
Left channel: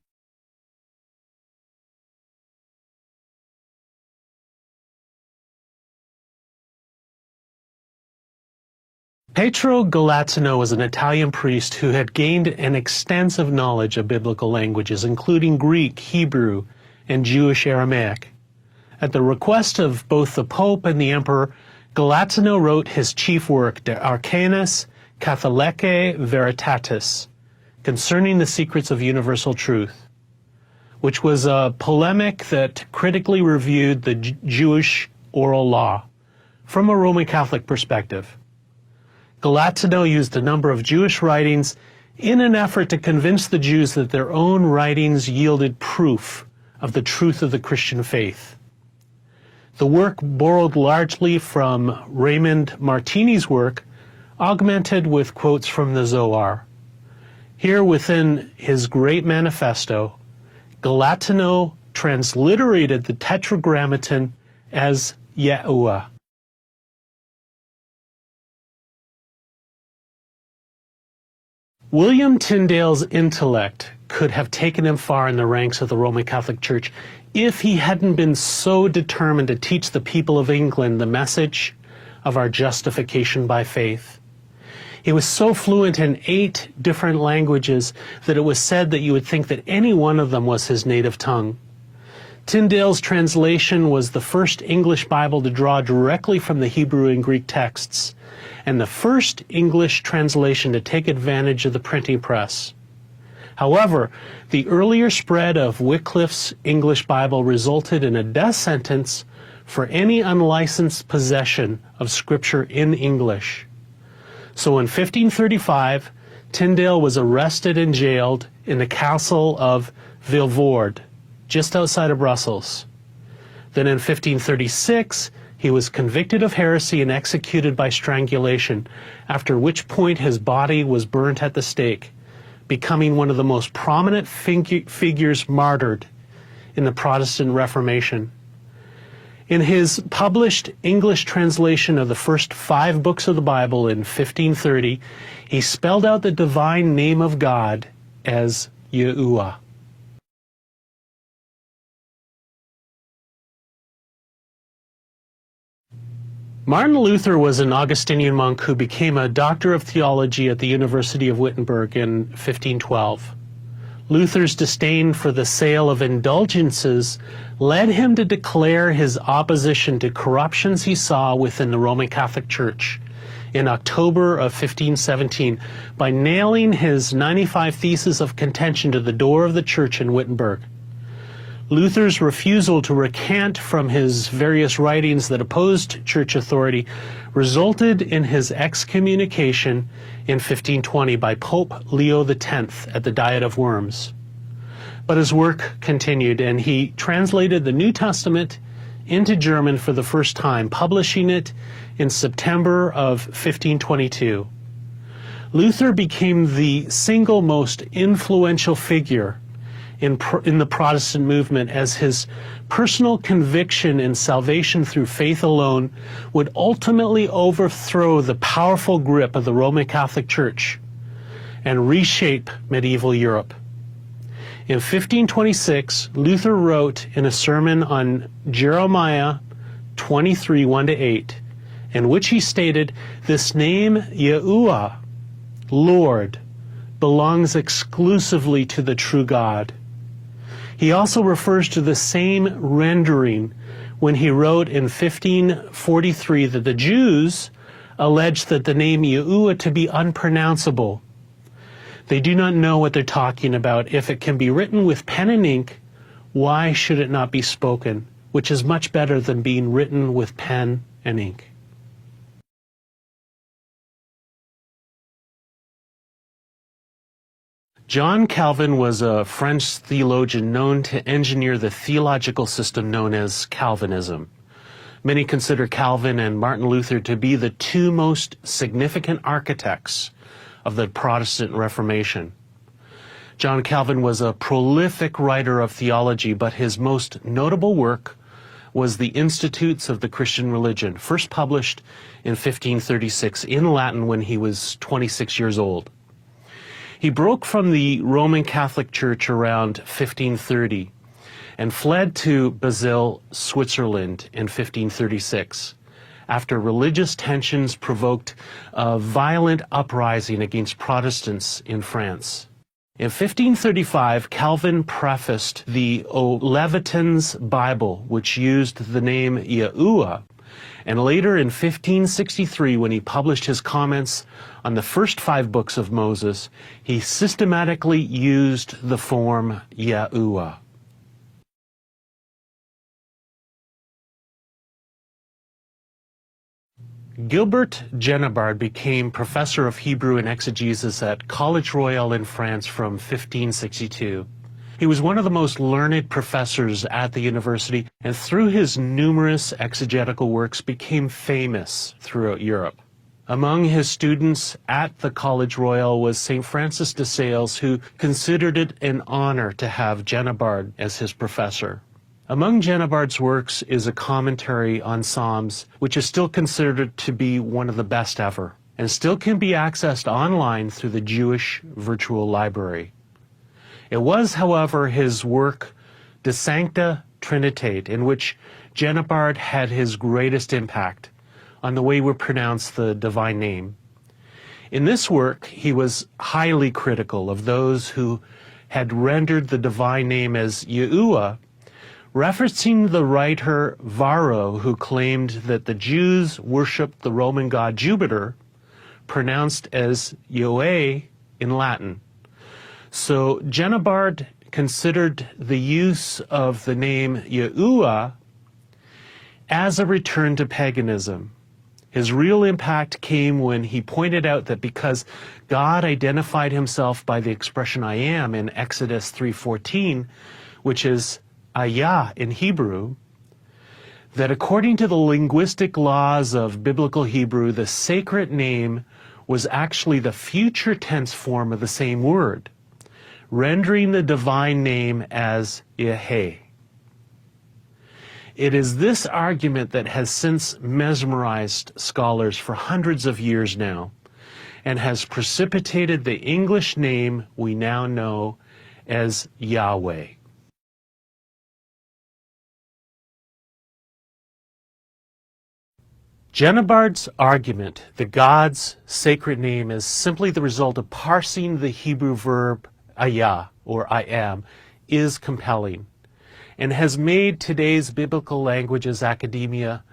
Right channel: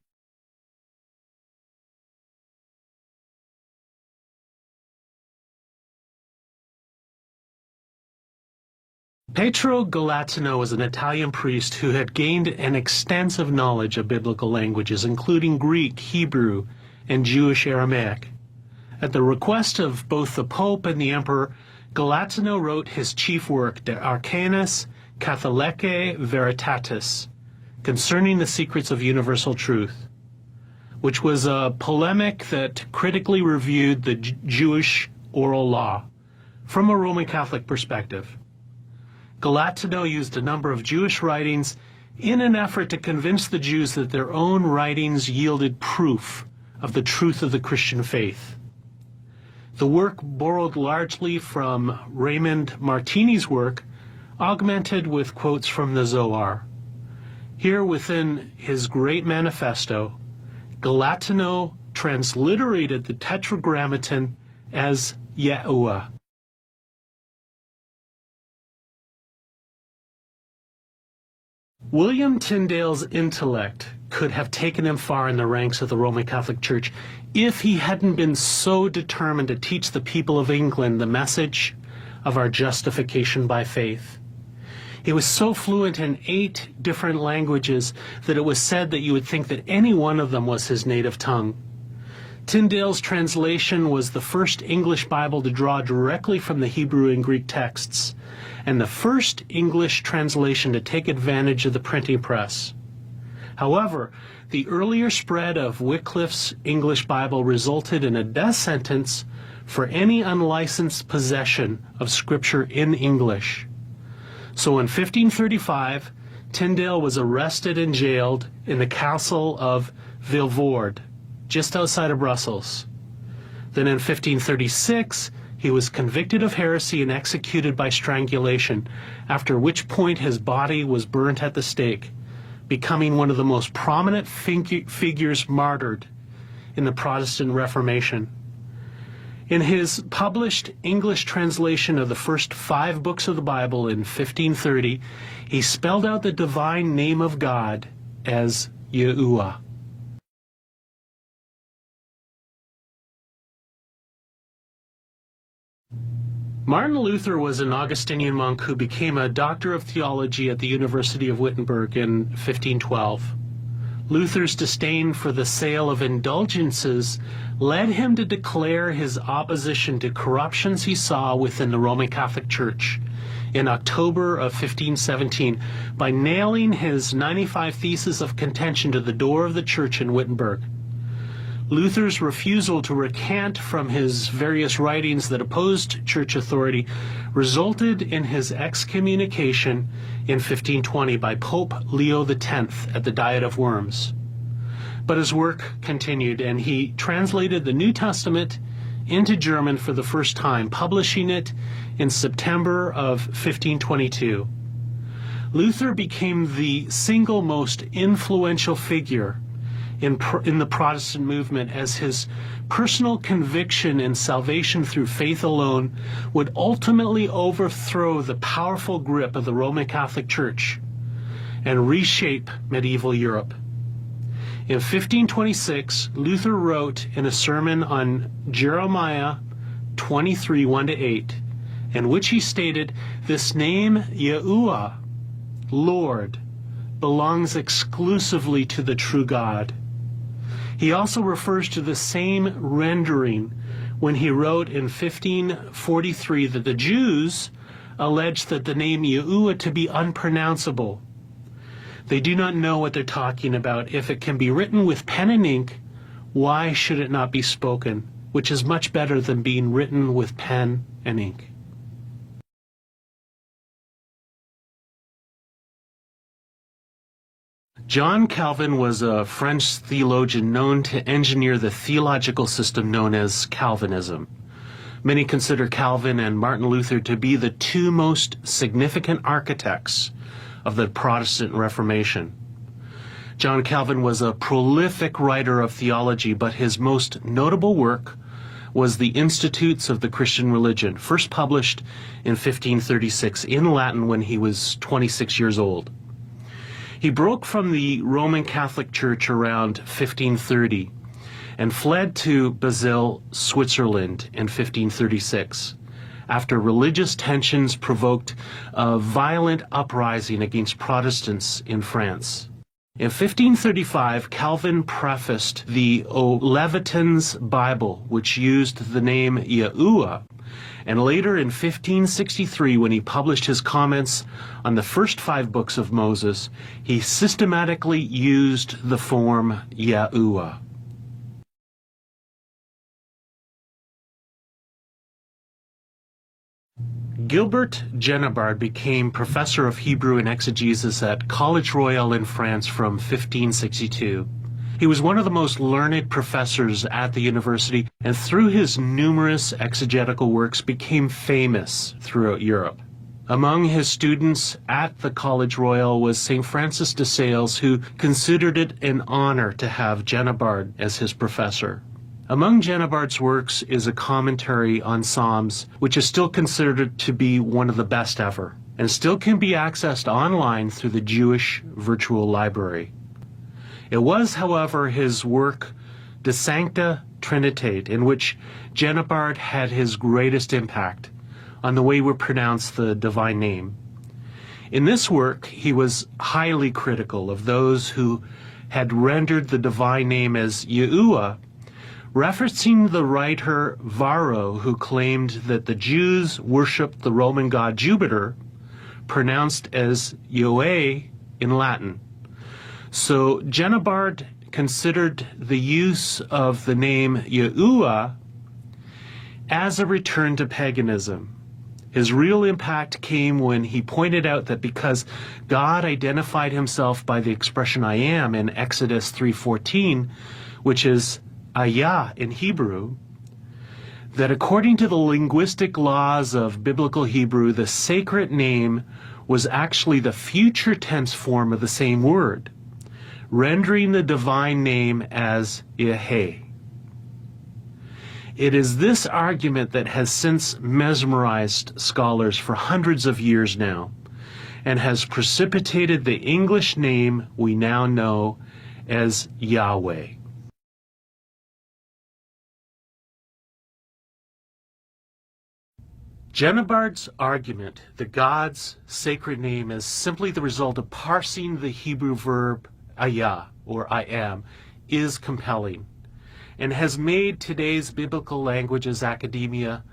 Pietro Galazzino was an Italian priest who had gained an extensive knowledge of biblical languages, including Greek, Hebrew, and Jewish Aramaic. At the request of both the Pope and the Emperor, Galazzino wrote his chief work, De Arcanis Catholicae Veritatis, concerning the secrets of universal truth, which was a polemic that critically reviewed the Jewish oral law from a Roman Catholic perspective. Galazzino used a number of Jewish writings in an effort to convince the Jews that their own writings yielded proof of the truth of the Christian faith. The work borrowed largely from Raymond Martini's work, augmented with quotes from the Zohar. Here within his great manifesto, Galazzino transliterated the Tetragrammaton as YAHUAH. William Tyndale's intellect could have taken him far in the ranks of the Roman Catholic Church if he hadn't been so determined to teach the people of England the message of our justification by faith. He was so fluent in 8 different languages that it was said that you would think that any one of them was his native tongue. Tyndale's translation was the first English Bible to draw directly from the Hebrew and Greek texts, and the first English translation to take advantage of the printing press. However, the earlier spread of Wycliffe's English Bible resulted in a death sentence for any unlicensed possession of Scripture in English. So in 1535, Tyndale was arrested and jailed in the castle of Vilvoorde, just outside of Brussels. Then in 1536, he was convicted of heresy and executed by strangulation, after which point his body was burnt at the stake, becoming one of the most prominent figures martyred in the Protestant Reformation. In his published English translation of the first 5 books of the Bible in 1530, he spelled out the divine name of God as YAHUAH. Martin Luther was an Augustinian monk who became a doctor of theology at the University of Wittenberg in 1512. Luther's disdain for the sale of indulgences led him to declare his opposition to corruptions he saw within the Roman Catholic Church in October of 1517 by nailing his 95 Theses of Contention to the door of the church in Wittenberg. Luther's refusal to recant from his various writings that opposed church authority resulted in his excommunication in 1520 by Pope Leo X at the Diet of Worms. But his work continued, and he translated the New Testament into German for the first time, publishing it in September of 1522. Luther became the single most influential figure in the Protestant movement, as his personal conviction in salvation through faith alone would ultimately overthrow the powerful grip of the Roman Catholic Church and reshape medieval Europe. In 1526, Luther wrote in a sermon on Jeremiah 23, 1-8, in which he stated, "This name, YAHUAH, Lord, belongs exclusively to the true God." He also refers to the same rendering when he wrote in 1543 that the Jews alleged that the name YAHUAH to be unpronounceable. They do not know what they're talking about. If it can be written with pen and ink, why should it not be spoken? Which is much better than being written with pen and ink. John Calvin was a French theologian known to engineer the theological system known as Calvinism. Many consider Calvin and Martin Luther to be the 2 most significant architects of the Protestant Reformation. John Calvin was a prolific writer of theology, but his most notable work was the Institutes of the Christian Religion, first published in 1536 in Latin when he was 26 years old. He broke from the Roman Catholic Church around 1530 and fled to Basel, Switzerland in 1536 after religious tensions provoked a violent uprising against Protestants in France. In 1535, Calvin prefaced the Olevatin's Bible, which used the name YAHUAH, and later in 1563, when he published his comments on the first 5 books of Moses, he systematically used the form YAHUAH. Gilbert Genabard became professor of Hebrew and exegesis at College Royal in France from 1562. He was one of the most learned professors at the university, and through his numerous exegetical works became famous throughout Europe. Among his students at the College Royal was St. Francis de Sales, who considered it an honor to have Genabard as his professor. Among Genabard's works is a commentary on Psalms, which is still considered to be one of the best ever, and still can be accessed online through the Jewish Virtual Library. It was, however, his work De Sancta Trinitate, in which Genebard had his greatest impact on the way we pronounce the divine name. In this work, he was highly critical of those who had rendered the divine name as YAHUAH, referencing the writer Varro, who claimed that the Jews worshipped the Roman god Jupiter, pronounced as YAHUAH in Latin. So Genebard considered the use of the name YAHUAH as a return to paganism. His real impact came when he pointed out that because God identified himself by the expression I am in Exodus 3:14, which is YAHUAH in Hebrew, that according to the linguistic laws of biblical Hebrew, the sacred name was actually the future tense form of the same word, rendering the divine name as YAHUAH. It is this argument that has since mesmerized scholars for hundreds of years now, and has precipitated the English name we now know as Yahweh. Genebard's argument that God's sacred name is simply the result of parsing the Hebrew verb ayah, or I am, is compelling, and has made today's biblical languages academia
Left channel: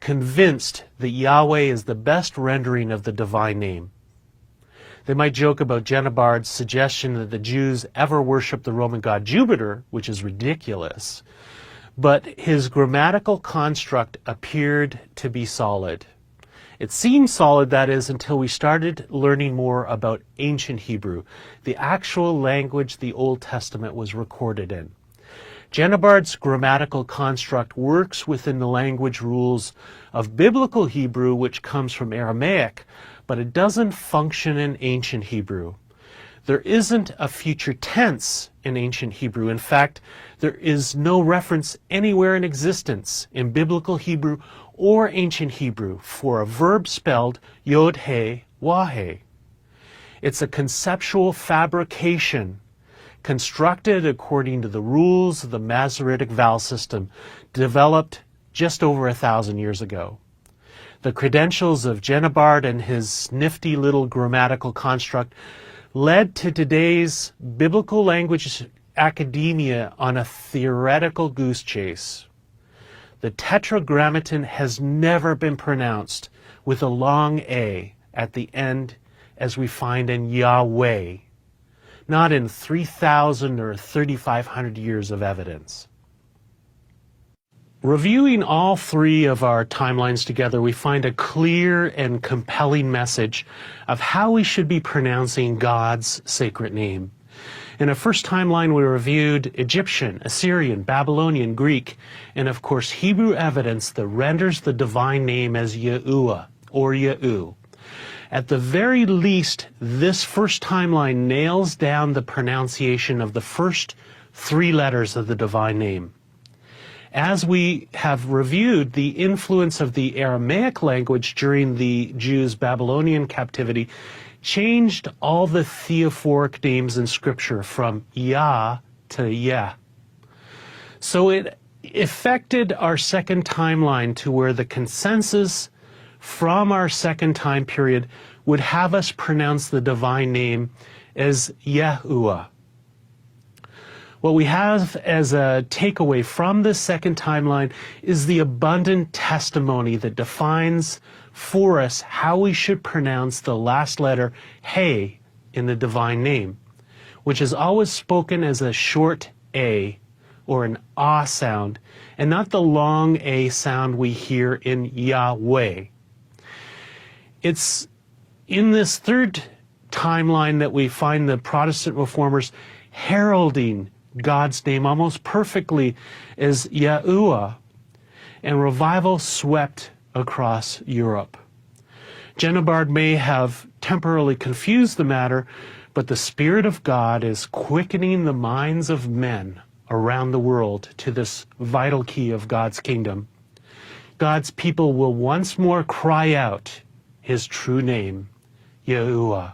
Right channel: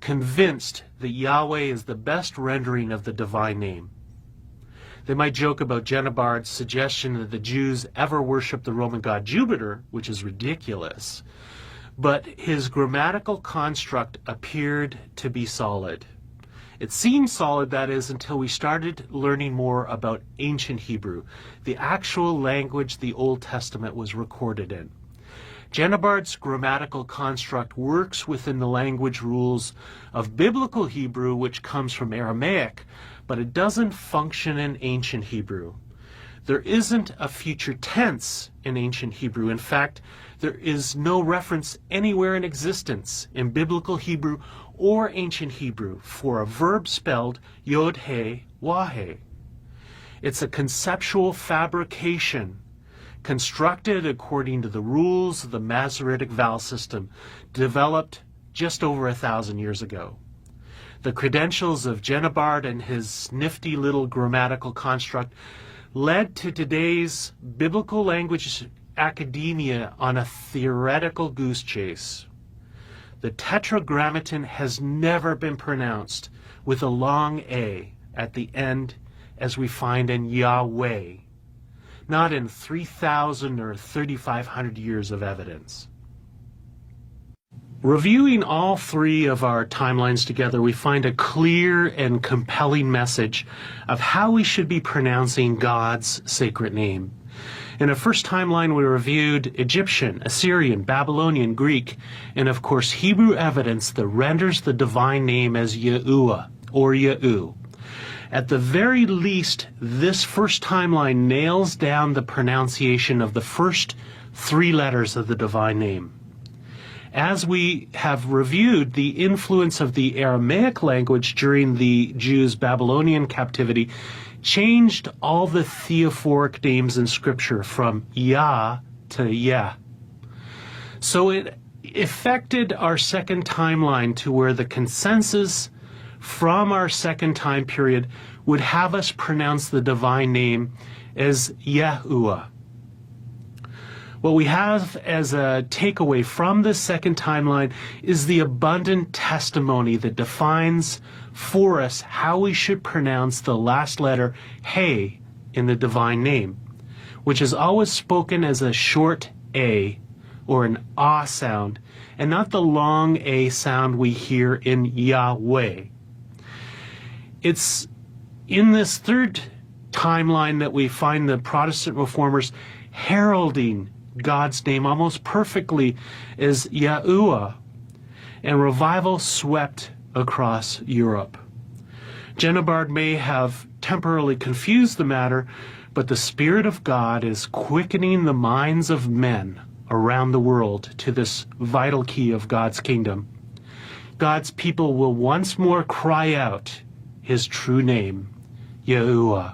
convinced that Yahweh is the best rendering of the divine name. They might joke about Genebard's suggestion that the Jews ever worshiped the Roman god Jupiter, which is ridiculous, but his grammatical construct appeared to be solid. It seemed solid, that is, until we started learning more about ancient Hebrew, the actual language the Old Testament was recorded in. Genebard's grammatical construct works within the language rules of biblical Hebrew, which comes from Aramaic, but it doesn't function in ancient Hebrew. There isn't a future tense in ancient Hebrew. In fact, there is no reference anywhere in existence in biblical Hebrew or ancient Hebrew for a verb spelled Yod-He-Wah-He. It's a conceptual fabrication constructed according to the rules of the Masoretic vowel system, developed just over 1,000 years ago. The credentials of Genebard and his nifty little grammatical construct led to today's biblical language academia on a theoretical goose chase. The Tetragrammaton has never been pronounced with a long A at the end, as we find in Yahweh, not in 3,000 or 3,500 years of evidence. Reviewing all three of our timelines together, we find a clear and compelling message of how we should be pronouncing God's sacred name. In our first timeline, we reviewed Egyptian, Assyrian, Babylonian, Greek, and of course Hebrew evidence that renders the divine name as YAHUAH, or Yahu. At the very least, this first timeline nails down the pronunciation of the first three letters of the divine name. As we have reviewed, the influence of the Aramaic language during the Jews' Babylonian captivity changed all the theophoric names in Scripture from Yah to Yah. So it affected our second timeline to where the consensus from our second time period would have us pronounce the divine name as YAHUAH. What we have as a takeaway from this second timeline is the abundant testimony that defines for us how we should pronounce the last letter He in the divine name, which is always spoken as a short A or an Ah sound, and not the long A sound we hear in Yahweh. It's in this third timeline that we find the Protestant reformers heralding God's name almost perfectly as YAHUAH, and revival swept across Europe. Genebard may have temporarily confused the matter, but the Spirit of God is quickening the minds of men around the world to this vital key of God's kingdom. God's people will once more cry out His true name, YAHUAH.